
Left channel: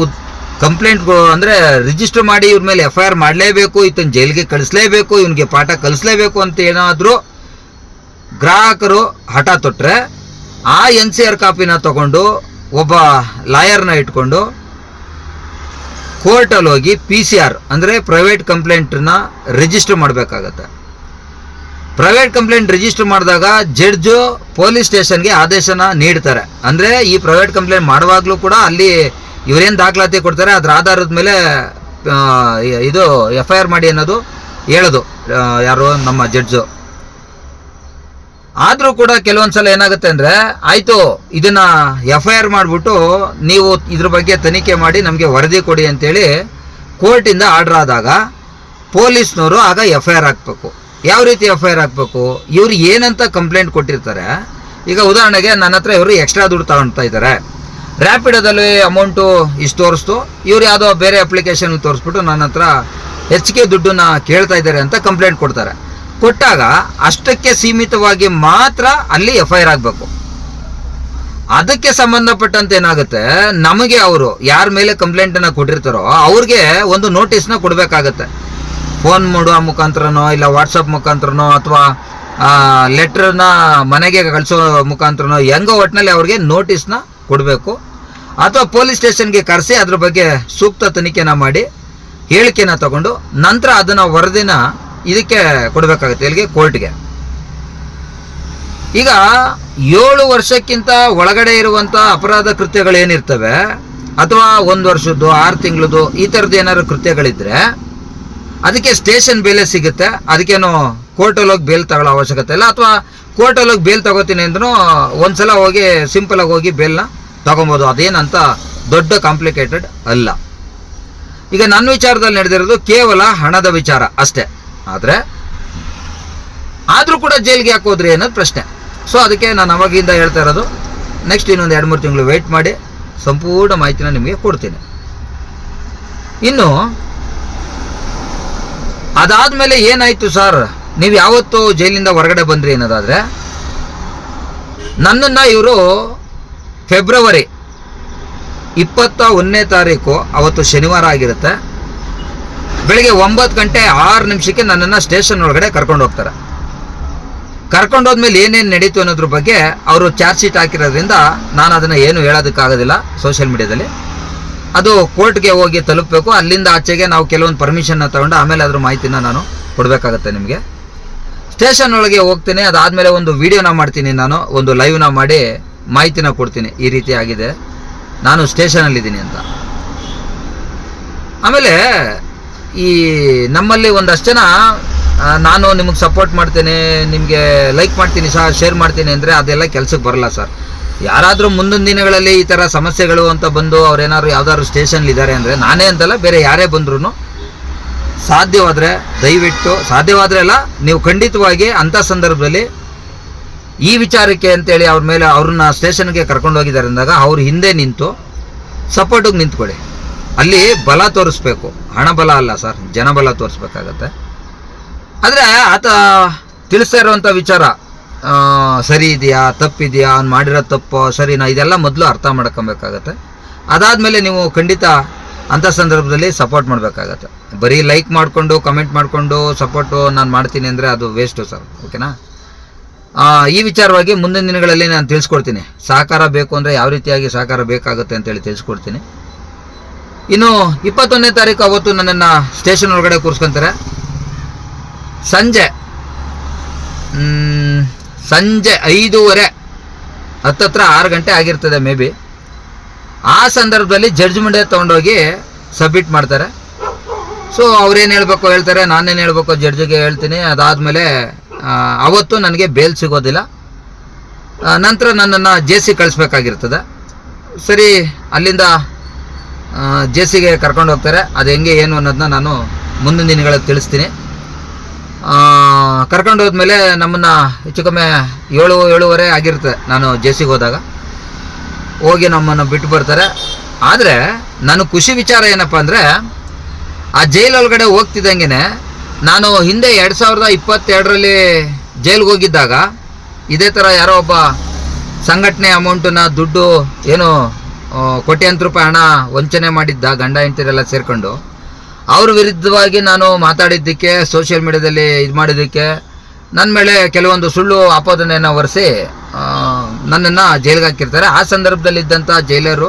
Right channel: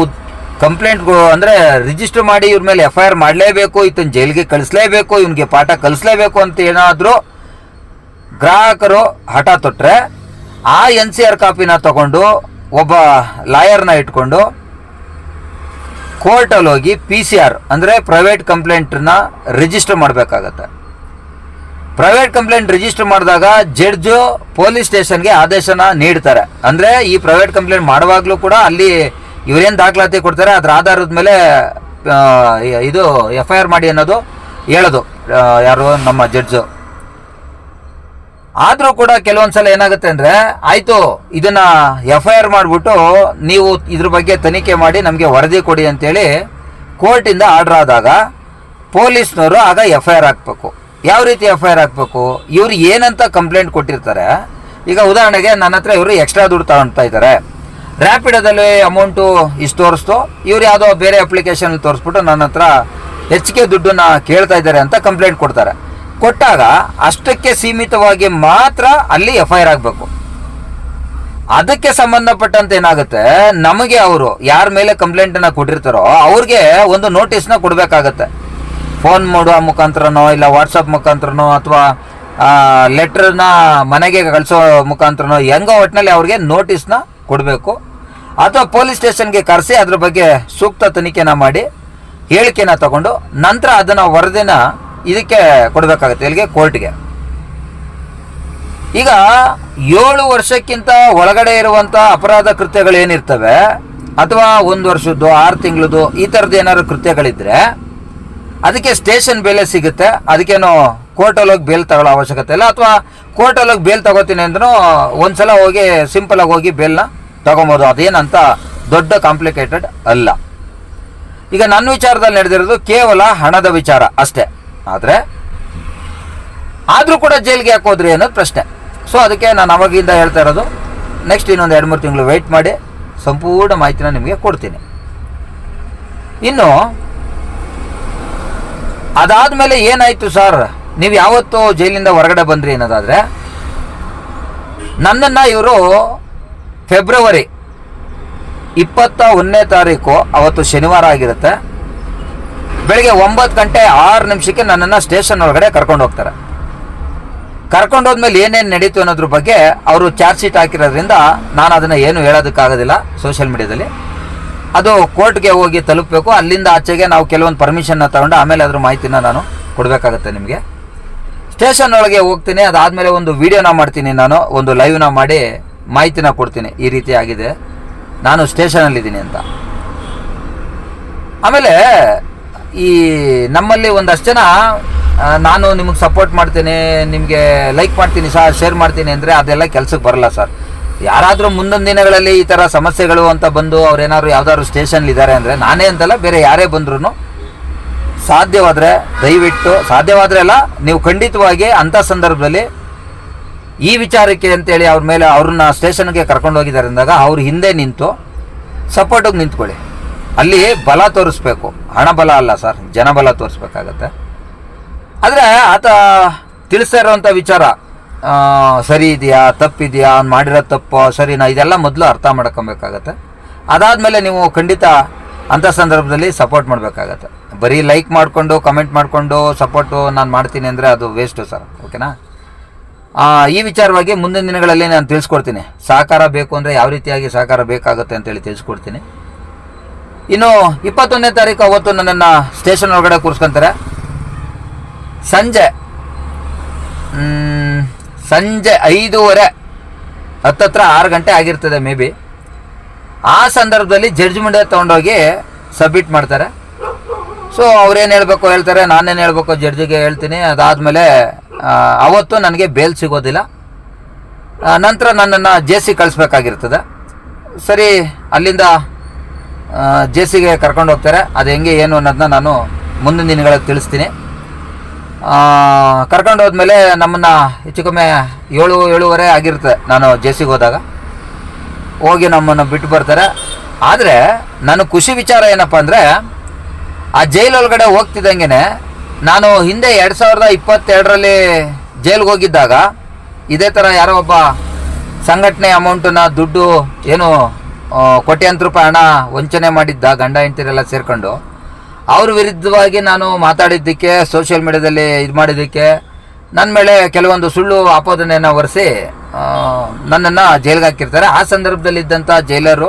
ಕಂಪ್ಲೇಂಟ್ ಅಂದರೆ ರಿಜಿಸ್ಟರ್ ಮಾಡಿ ಇವ್ರ ಮೇಲೆ FIR ಮಾಡಲೇಬೇಕು, ಈತನ ಜೈಲಿಗೆ ಕಳಿಸ್ಲೇಬೇಕು, ಇವನಿಗೆ ಪಾಠ ಕಲಿಸ್ಲೇಬೇಕು ಅಂತ ಏನಾದರೂ ಗ್ರಾಹಕರು ಹಠ ತೊಟ್ಟರೆ ಆ NCR ಕಾಪಿನ ತಗೊಂಡು ಒಬ್ಬ ಲಾಯರ್ನ ಇಟ್ಕೊಂಡು ಕೋರ್ಟಲ್ಲಿ ಹೋಗಿ PCR ಅಂದರೆ ಪ್ರೈವೇಟ್ ಕಂಪ್ಲೇಂಟನ್ನ ರಿಜಿಸ್ಟರ್ ಮಾಡಬೇಕಾಗತ್ತೆ. ಪ್ರೈವೇಟ್ ಕಂಪ್ಲೇಂಟ್ ರಿಜಿಸ್ಟರ್ ಮಾಡಿದಾಗ ಜಡ್ಜು ಪೊಲೀಸ್ ಸ್ಟೇಷನ್ಗೆ ಆದೇಶನ ನೀಡ್ತಾರೆ. ಅಂದರೆ ಈ ಪ್ರೈವೇಟ್ ಕಂಪ್ಲೇಂಟ್ ಮಾಡುವಾಗಲೂ ಕೂಡ ಅಲ್ಲಿ ಇವರೇನು ದಾಖಲಾತಿ ಕೊಡ್ತಾರೆ ಅದರ ಆಧಾರದ ಮೇಲೆ ಇದು FIR ಮಾಡಿ ಅನ್ನೋದು ಹೇಳೋದು ಯಾರು ನಮ್ಮ ಜಡ್ಜು. ಆದರೂ ಕೂಡ ಕೆಲವೊಂದು ಸಲ ಏನಾಗುತ್ತೆ ಅಂದರೆ, ಆಯಿತು ಇದನ್ನು FIR ಮಾಡಿಬಿಟ್ಟು ನೀವು ಇದ್ರ ಬಗ್ಗೆ ತನಿಖೆ ಮಾಡಿ ನಮಗೆ ವರದಿ ಕೊಡಿ ಅಂತೇಳಿ ಕೋರ್ಟಿಂದ ಆರ್ಡ್ರ್ ಆದಾಗ ಪೊಲೀಸ್ನವರು ಆಗ FIR ಹಾಕಬೇಕು. ಯಾವ ರೀತಿ FIR ಹಾಕಬೇಕು? ಇವ್ರು ಏನಂತ ಕಂಪ್ಲೇಂಟ್ ಕೊಟ್ಟಿರ್ತಾರೆ. ಈಗ ಉದಾಹರಣೆಗೆ ನನ್ನ ಹತ್ರ ಇವರು ಎಕ್ಸ್ಟ್ರಾ ದುಡ್ಡು ತಗೊಳ್ತಾ ಇದ್ದಾರೆ, ರ್ಯಾಪಿಡೋದಲ್ಲಿ ಅಮೌಂಟು ಇಷ್ಟು ತೋರಿಸ್ತು, ಇವ್ರು ಯಾವುದೋ ಬೇರೆ ಅಪ್ಲಿಕೇಶನ್ ತೋರಿಸ್ಬಿಟ್ಟು ನನ್ನ ಹತ್ರ ಹೆಚ್ಚಿಗೆ ದುಡ್ಡನ್ನು ಕೇಳ್ತಾ ಇದ್ದಾರೆ ಅಂತ ಕಂಪ್ಲೇಂಟ್ ಕೊಡ್ತಾರೆ. ಕೊಟ್ಟಾಗ ಅಷ್ಟಕ್ಕೆ ಸೀಮಿತವಾಗಿ ಮಾತ್ರ ಅಲ್ಲಿ FIR ಆಗಬೇಕು. ಅದಕ್ಕೆ ಸಂಬಂಧಪಟ್ಟಂತೆ ಏನಾಗುತ್ತೆ, ನಮಗೆ ಅವರು ಯಾರ ಮೇಲೆ ಕಂಪ್ಲೇಂಟನ್ನು ಕೊಟ್ಟಿರ್ತಾರೋ ಅವ್ರಿಗೆ ಒಂದು ನೋಟಿಸ್ನ ಕೊಡಬೇಕಾಗತ್ತೆ. ಫೋನ್ ಮಾಡುವ ಮುಖಾಂತರನೋ ಇಲ್ಲ ವಾಟ್ಸಪ್ ಮುಖಾಂತರನೋ ಅಥವಾ ಲೆಟ್ರನ್ನ ಮನೆಗೆ ಕಳಿಸೋ ಮುಖಾಂತರನೋ ಹೆಂಗೋ ಒಟ್ಟಿನಲ್ಲಿ ಅವ್ರಿಗೆ ನೋಟಿಸ್ನ ಕೊಡಬೇಕು. ಅಥವಾ ಪೊಲೀಸ್ ಸ್ಟೇಷನ್ಗೆ ಕರೆಸಿ ಅದ್ರ ಬಗ್ಗೆ ಸೂಕ್ತ ತನಿಖೆನ ಮಾಡಿ ಹೇಳಿಕೆನ ತಗೊಂಡು ನಂತರ ಅದನ್ನು ವರದಿನ ಇದಕ್ಕೆ ಕೊಡಬೇಕಾಗುತ್ತೆ, ಇಲ್ಲಿಗೆ ಕೋರ್ಟ್ಗೆ. ಈಗ 7 ವರ್ಷಕ್ಕಿಂತ ಒಳಗಡೆ ಇರುವಂಥ ಅಪರಾಧ ಕೃತ್ಯಗಳೇನಿರ್ತವೆ ಅಥವಾ 1 ವರ್ಷದ್ದು 6 ತಿಂಗಳದ್ದು ಈ ಥರದ್ದು ಏನಾದ್ರು ಕೃತ್ಯಗಳಿದ್ದರೆ ಅದಕ್ಕೆ ಸ್ಟೇಷನ್ ಬೇಲೆ ಸಿಗುತ್ತೆ. ಅದಕ್ಕೇನು ಕೋರ್ಟಲ್ಲಿ ಹೋಗಿ ಬೇಲ್ ತಗೊಳ್ಳೋ ಅವಶ್ಯಕತೆ ಇಲ್ಲ. ಅಥವಾ ಕೋರ್ಟಲ್ಲಿ ಹೋಗಿ ಬೇಲ್ ತಗೋತೀನಿ ಅಂದ್ರೂ ಒಂದು ಸಲ ಹೋಗಿ ಸಿಂಪಲಾಗಿ ಹೋಗಿ ಬೇಲ್ನ ತಗೊಬೋದು. ಅದೇನಂತ ದೊಡ್ಡ ಕಾಂಪ್ಲಿಕೇಟೆಡ್ ಅಲ್ಲ. ಈಗ ನನ್ನ ವಿಚಾರದಲ್ಲಿ ನಡೆದಿರೋದು ಕೇವಲ ಹಣದ ವಿಚಾರ ಅಷ್ಟೇ. ಆದರೂ ಕೂಡ ಜೈಲಿಗೆ ಹಾಕೋದ್ರಿ ಅನ್ನೋದು ಪ್ರಶ್ನೆ. ಸೊ ಅದಕ್ಕೆ ನಾನು ಅವಾಗಿಂದ ಹೇಳ್ತಾ ಇರೋದು, ನೆಕ್ಸ್ಟ್ ಇನ್ನೊಂದು 2-3 ತಿಂಗಳು ವೆಯ್ಟ್ ಮಾಡಿ ಸಂಪೂರ್ಣ ಮಾಹಿತಿನ ನಿಮಗೆ ಕೊಡ್ತೀನಿ. ಇನ್ನು ಅದಾದಮೇಲೆ ಏನಾಯಿತು ಸರ್, ನೀವು ಯಾವತ್ತೂ ಜೈಲಿಂದ ಹೊರಗಡೆ ಬಂದ್ರಿ ಅನ್ನೋದಾದರೆ, ನನ್ನನ್ನು ಇವರು ಫೆಬ್ರವರಿ 21ನೇ ತಾರೀಕು, ಅವತ್ತು ಶನಿವಾರ ಆಗಿರುತ್ತೆ, ಬೆಳಗ್ಗೆ 9:06 ನನ್ನನ್ನು ಸ್ಟೇಷನ್ ಒಳಗಡೆ ಕರ್ಕೊಂಡು ಹೋಗ್ತಾರೆ. ಕರ್ಕೊಂಡೋದ್ಮೇಲೆ ಏನೇನು ನಡೀತು ಅನ್ನೋದ್ರ ಬಗ್ಗೆ ಅವರು ಚಾರ್ಜ್ ಶೀಟ್ ಹಾಕಿರೋದ್ರಿಂದ ನಾನು ಅದನ್ನು ಏನು ಹೇಳೋದಕ್ಕಾಗೋದಿಲ್ಲ ಸೋಷಿಯಲ್ ಮೀಡಿಯಾದಲ್ಲಿ. ಅದು ಕೋರ್ಟ್ಗೆ ಹೋಗಿ ತಲುಪಬೇಕು. ಅಲ್ಲಿಂದ ಆಚೆಗೆ ನಾವು ಕೆಲವೊಂದು ಪರ್ಮಿಷನ್ನ ತಗೊಂಡು ಆಮೇಲೆ ಅದ್ರ ಮಾಹಿತಿನ ನಾನು ಕೊಡಬೇಕಾಗತ್ತೆ ನಿಮಗೆ. ಸ್ಟೇಷನ್ ಒಳಗೆ ಹೋಗ್ತೀನಿ, ಅದಾದಮೇಲೆ ಒಂದು ವೀಡಿಯೋನ ಮಾಡ್ತೀನಿ, ನಾನು ಒಂದು ಲೈವ್ನ ಮಾಡಿ ಮಾಹಿತಿನ ಕೊಡ್ತೀನಿ, ಈ ರೀತಿ ಆಗಿದೆ, ನಾನು ಸ್ಟೇಷನಲ್ಲಿದ್ದೀನಿ ಅಂತ. ಆಮೇಲೆ ಈ ನಮ್ಮಲ್ಲಿ ಒಂದಷ್ಟು ಜನ ನಾನು ನಿಮಗೆ ಸಪೋರ್ಟ್ ಮಾಡ್ತೀನಿ, ನಿಮಗೆ ಲೈಕ್ ಮಾಡ್ತೀನಿ ಸರ್, ಶೇರ್ ಮಾಡ್ತೀನಿ ಅಂದರೆ ಅದೆಲ್ಲ ಕೆಲಸಕ್ಕೆ ಬರಲ್ಲ ಸರ್. ಯಾರಾದರೂ ಮುಂದೊಂದು ದಿನಗಳಲ್ಲಿ ಈ ಥರ ಸಮಸ್ಯೆಗಳು ಅಂತ ಬಂದು ಅವ್ರೇನಾದ್ರು ಯಾವ್ದಾದ್ರು ಸ್ಟೇಷನ್ಲಿದ್ದಾರೆ ಅಂದರೆ, ನಾನೇ ಅಂತಲ್ಲ ಬೇರೆ ಯಾರೇ ಬಂದ್ರೂ ಸಾಧ್ಯವಾದರೆ ದಯವಿಟ್ಟು, ಸಾಧ್ಯವಾದರೆ ಅಲ್ಲ, ನೀವು ಖಂಡಿತವಾಗಿ ಅಂಥ ಸಂದರ್ಭದಲ್ಲಿ ಈ ವಿಚಾರಕ್ಕೆ ಅಂತೇಳಿ ಅವ್ರ ಮೇಲೆ ಅವ್ರನ್ನ ಸ್ಟೇಷನ್ಗೆ ಕರ್ಕೊಂಡು ಹೋಗಿದ್ದಾರೆ ಅಂದಾಗ ಅವ್ರ ಹಿಂದೆ ನಿಂತು ಸಪೋರ್ಟಿಗೆ ನಿಂತ್ಕೊಳ್ಳಿ. ಅಲ್ಲಿ ಬಲ ತೋರಿಸ್ಬೇಕು, ಹಣ ಬಲ ಅಲ್ಲ ಸರ್, ಜನಬಲ ತೋರಿಸ್ಬೇಕಾಗತ್ತೆ. ಆದರೆ ಆತ ತಿಳಿಸ್ತಾ ಇರೋವಂಥ ವಿಚಾರ ಸರಿ ಇದೆಯಾ ತಪ್ಪಿದೆಯಾ, ಅವ್ನು ಮಾಡಿರೋ ತಪ್ಪು ಸರಿನಾ, ಇದೆಲ್ಲ ಮೊದಲು ಅರ್ಥ ಮಾಡ್ಕೊಬೇಕಾಗತ್ತೆ. ಅದಾದಮೇಲೆ ನೀವು ಖಂಡಿತ ಅಂಥ ಸಂದರ್ಭದಲ್ಲಿ ಸಪೋರ್ಟ್ ಮಾಡಬೇಕಾಗತ್ತೆ. ಬರೀ ಲೈಕ್ ಮಾಡಿಕೊಂಡು ಕಮೆಂಟ್ ಮಾಡಿಕೊಂಡು ಸಪೋರ್ಟು ನಾನು ಮಾಡ್ತೀನಿ ಅಂದರೆ ಅದು ವೇಸ್ಟು ಸರ್, ಓಕೆನಾ. ಈ ವಿಚಾರವಾಗಿ ಮುಂದಿನ ದಿನಗಳಲ್ಲಿ ನಾನು ತಿಳಿಸ್ಕೊಡ್ತೀನಿ. ಸಹಕಾರ ಬೇಕು ಅಂದರೆ ಯಾವ ರೀತಿಯಾಗಿ ಸಹಕಾರ ಬೇಕಾಗುತ್ತೆ ಅಂತೇಳಿ ತಿಳಿಸ್ಕೊಡ್ತೀನಿ. ಇನ್ನು 21ನೇ ತಾರೀಕು ಅವತ್ತು ನನ್ನನ್ನು ಸ್ಟೇಷನ್ ಒಳಗಡೆ ಕೂರಿಸ್ಕೊಂತಾರೆ. ಸಂಜೆ 5:30 ಹತ್ತತ್ರ 6 ಗಂಟೆ ಆಗಿರ್ತದೆ ಮೇ ಬಿ. ಆ ಸಂದರ್ಭದಲ್ಲಿ ಜಡ್ಜ್ ಮುಂದೆ ತೊಗೊಂಡೋಗಿ ಸಬ್ಮಿಟ್ ಮಾಡ್ತಾರೆ. ಸೊ ಅವ್ರೇನು ಹೇಳಬೇಕು ಹೇಳ್ತಾರೆ, ನಾನೇನು ಹೇಳಬೇಕು ಜಡ್ಜಿಗೆ ಹೇಳ್ತೀನಿ. ಅದಾದಮೇಲೆ ಅವತ್ತು ನನಗೆ ಬೇಲ್ ಸಿಗೋದಿಲ್ಲ. ನಂತರ ನನ್ನನ್ನು ಜೆ.ಸಿ ಕಳಿಸ್ಬೇಕಾಗಿರ್ತದೆ. ಸರಿ, ಅಲ್ಲಿಂದ ಜೆ.ಸಿಗೆ ಕರ್ಕೊಂಡು ಹೋಗ್ತಾರೆ. ಅದು ಹೆಂಗೆ ಏನು ಅನ್ನೋದನ್ನ ನಾನು ಮುಂದಿನ ದಿನಗಳಲ್ಲಿ ತಿಳಿಸ್ತೀನಿ. ಕರ್ಕೊಂಡು ಹೋದ್ಮೇಲೆ ನಮ್ಮನ್ನು ಹೆಚ್ಚು ಕಮ್ಮಿ 7:30 ಆಗಿರುತ್ತೆ ನಾನು ಜೆ.ಸಿಗೆ ಹೋದಾಗ. ಹೋಗಿ ನಮ್ಮನ್ನು ಬಿಟ್ಟು ಬರ್ತಾರೆ. ಆದರೆ ನಾನು ಖುಷಿ ವಿಚಾರ ಏನಪ್ಪ ಅಂದರೆ, ಆ ಜೈಲೊಳಗಡೆ ಹೋಗ್ತಿದ್ದಂಗೆ ನಾನು ಹಿಂದೆ 2022ರಲ್ಲಿ ಜೈಲಿಗೆ ಹೋಗಿದ್ದಾಗ ಇದೇ ಥರ ಯಾರೋ ಒಬ್ಬ ಸಂಘಟನೆ ಅಮೌಂಟನ್ನ ದುಡ್ಡು ಏನು ಕೋಟ್ಯಾಂತರ ರೂಪಾಯಿ ಹಣ ವಂಚನೆ ಮಾಡಿದ್ದ ಗಂಡ ಹೆಂಡತಿರೆಲ್ಲ ಸೇರಿಕೊಂಡು, ಅವ್ರ ವಿರುದ್ಧವಾಗಿ ನಾನು ಮಾತಾಡಿದ್ದಕ್ಕೆ, ಸೋಷಿಯಲ್ ಮೀಡಿಯಾದಲ್ಲಿ ಇದು ಮಾಡಿದ್ದಕ್ಕೆ ನನ್ನ ಮೇಲೆ ಕೆಲವೊಂದು ಸುಳ್ಳು ಆಪಾದನೆಯನ್ನು ಹೊರಿಸಿ ನನ್ನನ್ನು ಜೈಲಿಗೆ ಹಾಕಿರ್ತಾರೆ. ಆ ಸಂದರ್ಭದಲ್ಲಿದ್ದಂಥ ಜೈಲರು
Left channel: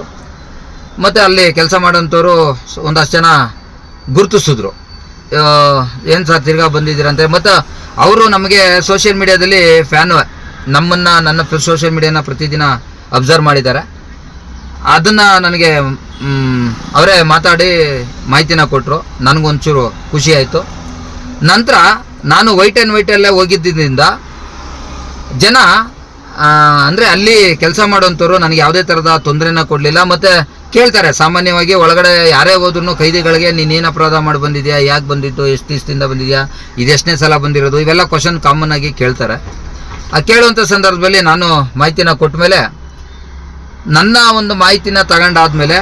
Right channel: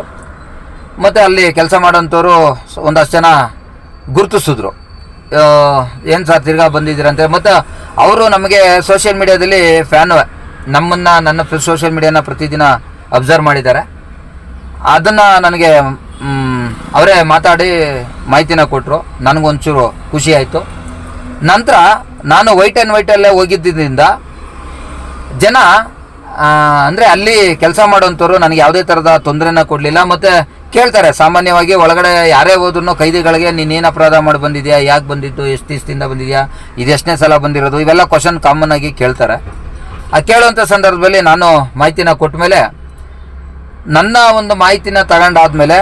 ಮತ್ತು ಅಲ್ಲಿ ಕೆಲಸ ಮಾಡೋಂಥವ್ರು ಒಂದಷ್ಟು ಜನ ಗುರುತಿಸಿದ್ರು, ಏನು ಸರ್ ತಿರ್ಗಾ ಬಂದಿದ್ದೀರಂತೆ. ಮತ್ತು ಅವರು ನಮಗೆ ಸೋಷಿಯಲ್ ಮೀಡಿಯಾದಲ್ಲಿ ಫ್ಯಾನು, ನನ್ನ ಸೋಷಿಯಲ್ ಮೀಡಿಯಾನ ಪ್ರತಿದಿನ ಅಬ್ಸರ್ವ್ ಮಾಡಿದ್ದಾರೆ. ಅದನ್ನು ನನಗೆ ಅವರೇ ಮಾತಾಡಿ ಮಾಹಿತಿನ ಕೊಟ್ಟರು. ನನಗೊಂಚೂರು ಖುಷಿ ಆಯಿತು. ನಂತರ ನಾನು ವೈಟ್ ಆ್ಯಂಡ್ ವೈಟಲ್ಲೇ ಹೋಗಿದ್ದರಿಂದ ಜನ ಅಂದರೆ ಅಲ್ಲಿ ಕೆಲಸ ಮಾಡೋಂಥವ್ರು ನನಗೆ ಯಾವುದೇ ಥರದ ತೊಂದರೆನ ಕೊಡಲಿಲ್ಲ. ಮತ್ತು ಕೇಳ್ತಾರೆ, ಸಾಮಾನ್ಯವಾಗಿ ಒಳಗಡೆ ಯಾರೇ ಹೋದ್ರೂ ಕೈದಿಗಳಿಗೆ ನೀನೇನು ಅಪರಾಧ ಮಾಡಿ ಬಂದಿದ್ಯಾ, ಯಾಕೆ ಬಂದಿದ್ದು, ಎಷ್ಟು ದಿವಸದಿಂದ ಬಂದಿದೆಯಾ, ಇದೆಷ್ಟನೇ ಸಲ ಬಂದಿರೋದು, ಇವೆಲ್ಲ ಕ್ವಶನ್ ಕಾಮನ್ ಆಗಿ ಕೇಳ್ತಾರೆ. ಆ ಕೇಳುವಂಥ ಸಂದರ್ಭದಲ್ಲಿ ನಾನು ಮಾಹಿತಿನ ಕೊಟ್ಟ ಮೇಲೆ, ನನ್ನ ಒಂದು ಮಾಹಿತಿನ ತಗೊಂಡಾದ್ಮೇಲೆ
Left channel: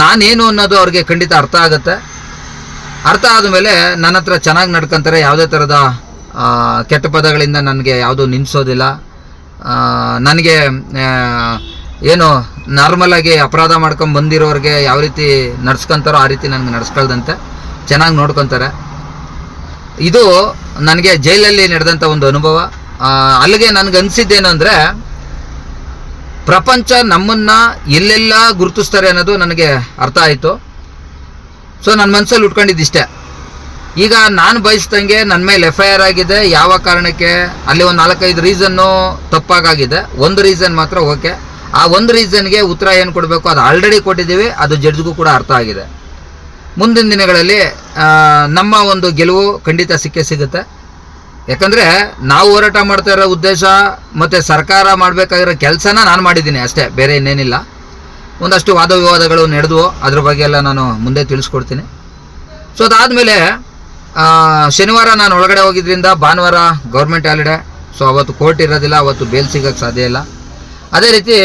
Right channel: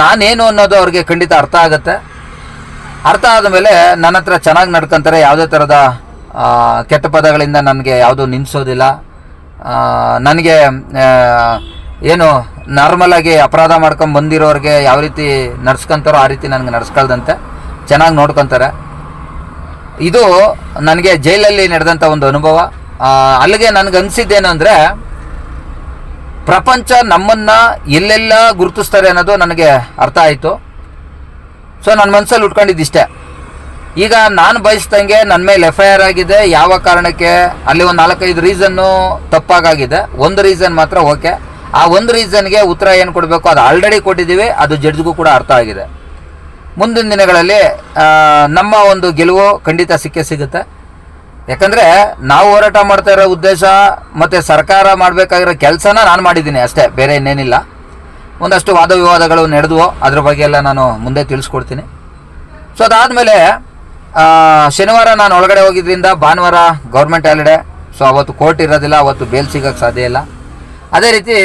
ನಾನೇನು ಅನ್ನೋದು ಅವ್ರಿಗೆ ಖಂಡಿತ ಅರ್ಥ ಆಗುತ್ತೆ. ಅರ್ಥ ಆದಮೇಲೆ ನನ್ನ ಹತ್ರ ಚೆನ್ನಾಗಿ ನಡ್ಕೊತಾರೆ. ಯಾವುದೇ ಥರದ ಕೆಟ್ಟ ಪದಗಳಿಂದ ನನಗೆ ಯಾವುದೂ ನಿಲ್ಲಿಸೋದಿಲ್ಲ. ನನಗೆ ಏನು ನಾರ್ಮಲಾಗಿ ಅಪರಾಧ ಮಾಡ್ಕೊಂಡು ಬಂದಿರೋರಿಗೆ ಯಾವ ರೀತಿ ನಡ್ಸ್ಕೊತಾರೋ ಆ ರೀತಿ ನನಗೆ ನಡ್ಸ್ಕೊಳ್ದಂತೆ ಚೆನ್ನಾಗಿ ನೋಡ್ಕೊತಾರೆ. ಇದು ನನಗೆ ಜೈಲಲ್ಲಿ ನಡೆದಂಥ ಒಂದು ಅನುಭವ. ಅಲ್ಲಿಗೆ ನನಗೆ ಅನಿಸಿದ್ದೇನು ಅಂದರೆ, ಪ್ರಪಂಚ ನಮ್ಮನ್ನು ಎಲ್ಲೆಲ್ಲ ಗುರುತಿಸ್ತಾರೆ ಅನ್ನೋದು ನನಗೆ ಅರ್ಥ ಆಯಿತು. ಸೊ ನನ್ನ ಮನಸ್ಸಲ್ಲಿ ಉಟ್ಕೊಂಡಿದ್ದಿಷ್ಟೇ. ಈಗ ನಾನು ಬಯಸ್ದಂಗೆ ನನ್ನ ಮೇಲೆ FIR ಆಗಿದೆ. ಯಾವ ಕಾರಣಕ್ಕೆ, ಅಲ್ಲಿ ಒಂದು 4-5 ರೀಸನ್ನು ತಪ್ಪಾಗಿದೆ. ಒಂದು ರೀಸನ್ ಮಾತ್ರ ಓಕೆ. ಆ ಒಂದು ರೀಸನ್ಗೆ ಉತ್ತರ ಏನು ಕೊಡಬೇಕು ಅದು ಆಲ್ರೆಡಿ ಕೊಟ್ಟಿದ್ದೀವಿ. ಅದು ಜಡ್ಜ್ಗೂ ಕೂಡ ಅರ್ಥ ಆಗಿದೆ. ಮುಂದಿನ ದಿನಗಳಲ್ಲಿ ನಮ್ಮ ಒಂದು ಗೆಲುವು ಖಂಡಿತ ಸಿಗುತ್ತೆ. ಯಾಕಂದರೆ ನಾವು ಹೋರಾಟ ಮಾಡ್ತಾ ಇರೋ ಉದ್ದೇಶ ಮತ್ತು ಸರ್ಕಾರ ಮಾಡಬೇಕಾಗಿರೋ ಕೆಲಸನ ನಾನು ಮಾಡಿದ್ದೀನಿ ಅಷ್ಟೇ, ಬೇರೆ ಇನ್ನೇನಿಲ್ಲ. ಒಂದಷ್ಟು ವಾದ ವಿವಾದಗಳು ನಡೆದವು, ಅದ್ರ ಬಗ್ಗೆ ಎಲ್ಲ ನಾನು ಮುಂದೆ ತಿಳಿಸ್ಕೊಡ್ತೀನಿ. ಸೊ ಅದಾದಮೇಲೆ ಶನಿವಾರ ನಾನು ಒಳಗಡೆ ಹೋಗಿದ್ದರಿಂದ ಭಾನುವಾರ ಗೌರ್ಮೆಂಟ್ ಹಾಲಿಡೇ. ಸೊ ಅವತ್ತು ಕೋರ್ಟ್ ಇರೋದಿಲ್ಲ, ಅವತ್ತು ಬೇಲ್ ಸಿಗೋಕ್ಕೆ ಸಾಧ್ಯ ಇಲ್ಲ. ಅದೇ ರೀತಿ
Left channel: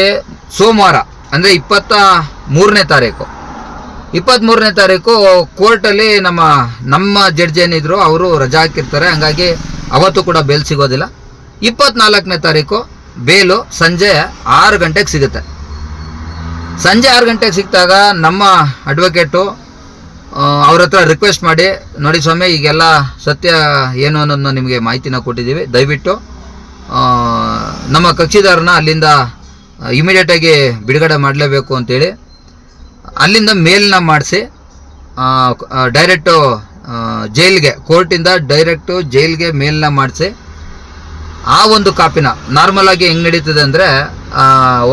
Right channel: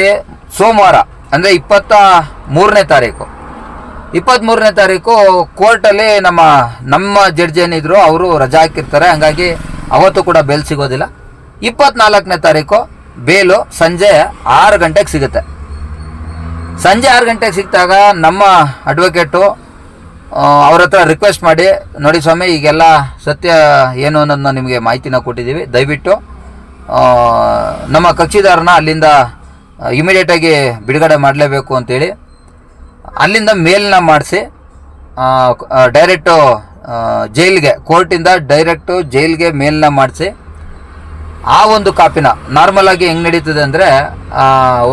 ಸೋಮವಾರ ಅಂದರೆ 23ನೇ ತಾರೀಕು 23ನೇ ತಾರೀಕು ಕೋರ್ಟಲ್ಲಿ ನಮ್ಮ ಜಡ್ಜ್ ಏನಿದ್ರು ಅವರು ರಜಾ ಹಾಕಿರ್ತಾರೆ. ಹಂಗಾಗಿ ಅವತ್ತು ಕೂಡ ಬೇಲ್ ಸಿಗೋದಿಲ್ಲ. 24ನೇ ತಾರೀಕು ಬೇಲು ಸಂಜೆ 6 ಗಂಟೆಗೆ ಸಿಗುತ್ತೆ. ಸಂಜೆ 6 ಗಂಟೆಗೆ ಸಿಕ್ಕಿದಾಗ ನಮ್ಮ ಅಡ್ವೊಕೇಟು ಅವ್ರ ಹತ್ರ ರಿಕ್ವೆಸ್ಟ್ ಮಾಡಿ, ನೋಡಿ ಸ್ವಾಮಿ, ಈಗೆಲ್ಲ ಸತ್ಯ ಏನು ಅನ್ನೋದನ್ನ ನಿಮಗೆ ಮಾಹಿತಿನ ಕೊಟ್ಟಿದ್ದೀವಿ, ದಯವಿಟ್ಟು ನಮ್ಮ ಕಕ್ಷಿದಾರನ ಅಲ್ಲಿಂದ ಇಮಿಡಿಯೇಟಾಗಿ ಬಿಡುಗಡೆ ಮಾಡಲೇಬೇಕು ಅಂತೇಳಿ ಅಲ್ಲಿಂದ ಮೇಲ್ನ ಮಾಡಿಸಿ ಡೈರೆಕ್ಟು ಜೈಲ್ಗೆ, ಕೋರ್ಟಿಂದ ಡೈರೆಕ್ಟು ಜೈಲ್ಗೆ ಮೇಲ್ನ ಮಾಡಿಸಿ ಆ ಒಂದು ಕಾಪಿನ ನಾರ್ಮಲಾಗಿ ಹೆಂಗೆ ನಡೀತದೆ ಅಂದರೆ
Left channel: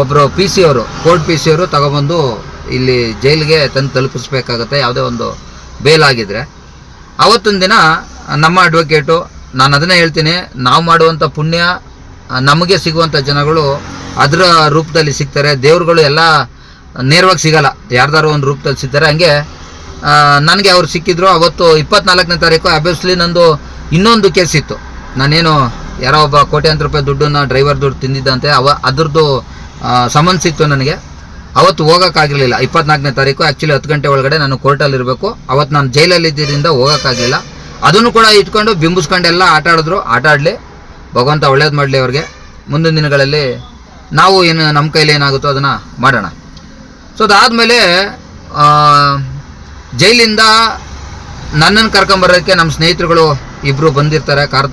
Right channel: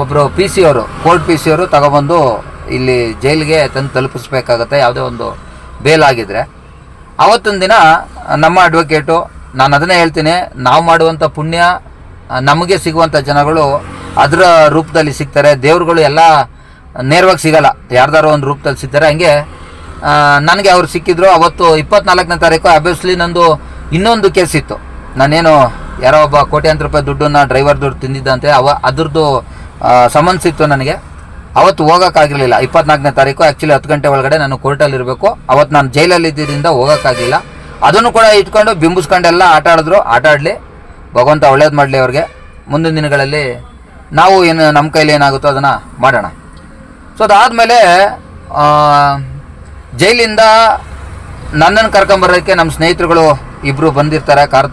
ಒಬ್ಬರು ಪಿ ಸಿ ಅವರು, ಕೋರ್ಟ್ ಪಿ ಸಿ ಅವರು ತಗೊಬಂದು ಇಲ್ಲಿ ಜೈಲಿಗೆ ತಂದು ತಲುಪಿಸ್ಬೇಕಾಗತ್ತೆ. ಯಾವುದೇ ಒಂದು ಬೇಲ್ ಆಗಿದ್ರೆ ಅವತ್ತೊಂದು ದಿನ ನಮ್ಮ ಅಡ್ವೊಕೇಟು, ನಾನು ಅದನ್ನೇ ಹೇಳ್ತೀನಿ, ನಾವು ಮಾಡುವಂಥ ಪುಣ್ಯ ನಮಗೆ ಸಿಗುವಂಥ ಜನಗಳು ಅದರ ರೂಪದಲ್ಲಿ ಸಿಗ್ತಾರೆ. ದೇವ್ರುಗಳು ಎಲ್ಲ ನೇರವಾಗಿ ಸಿಗಲ್ಲ, ಯಾರ್ದಾರೋ ಒಂದು ರೂಪದಲ್ಲಿ ಸಿಗ್ತಾರೆ. ಹಂಗೆ ನನಗೆ ಅವ್ರು ಸಿಕ್ಕಿದ್ರು. ಅವತ್ತು 24ನೇ ತಾರೀಕು ಅಬ್ವಿಯಸ್ಲಿ ನಂದು ಇನ್ನೊಂದು ಕೇಸ್ ಇತ್ತು. ನಾನೇನು ಯಾರೋ ಒಬ್ಬ ಕೋಟ್ಯಾಂತರ ರೂಪಾಯಿ ದುಡ್ಡನ್ನು ಡ್ರೈವರ್ ದುಡ್ಡು ತಿಂದಿದ್ದಂತೆ ಅದ್ರದ್ದು ಸಮನ್ಸ್ ಇತ್ತು ನನಗೆ. ಅವತ್ತು ಹೋಗೋಕ್ಕಾಗಿರಲಿಲ್ಲ. 24ನೇ ತಾರೀಕು ಆ್ಯಕ್ಚುಲಿ 10 ಗಂಟೆ ಒಳಗಡೆ ನಾನು ಕೋರ್ಟಲ್ಲಿರಬೇಕು. ಅವತ್ತು ನಾನು ಜೈಲಲ್ಲಿ ಇದ್ದಿದ್ದರಿಂದ ಹೋಗೋಕ್ಕಾಗಲಿಲ್ಲ. ಅದನ್ನು ಕೂಡ ಇಟ್ಕೊಂಡು ಬಿಂಬಿಸ್ಕೊಂಡೆಲ್ಲ ಆಟ ಆಡಲಿ, ಭಗವಂತ ಒಳ್ಳೇದು ಮಾಡಲಿ ಅವ್ರಿಗೆ. ಮುಂದಿನ ದಿನಗಳಲ್ಲಿ ನಾವು ಏನು ನಮ್ಮ ಕೈಲಿ ಏನಾಗುತ್ತೋ ಅದನ್ನು ಮಾಡೋಣ. ಸೊ ಅದಾದಮೇಲೆ ಜೈಲಿಂದ ನನ್ನನ್ನು ಕರ್ಕೊಂಬರೋಕ್ಕೆ ನಮ್ಮ ಸ್ನೇಹಿತರುಗಳು ಇಬ್ಬರು ಬಂದಿರ್ತಾರೆ ಕಾರ್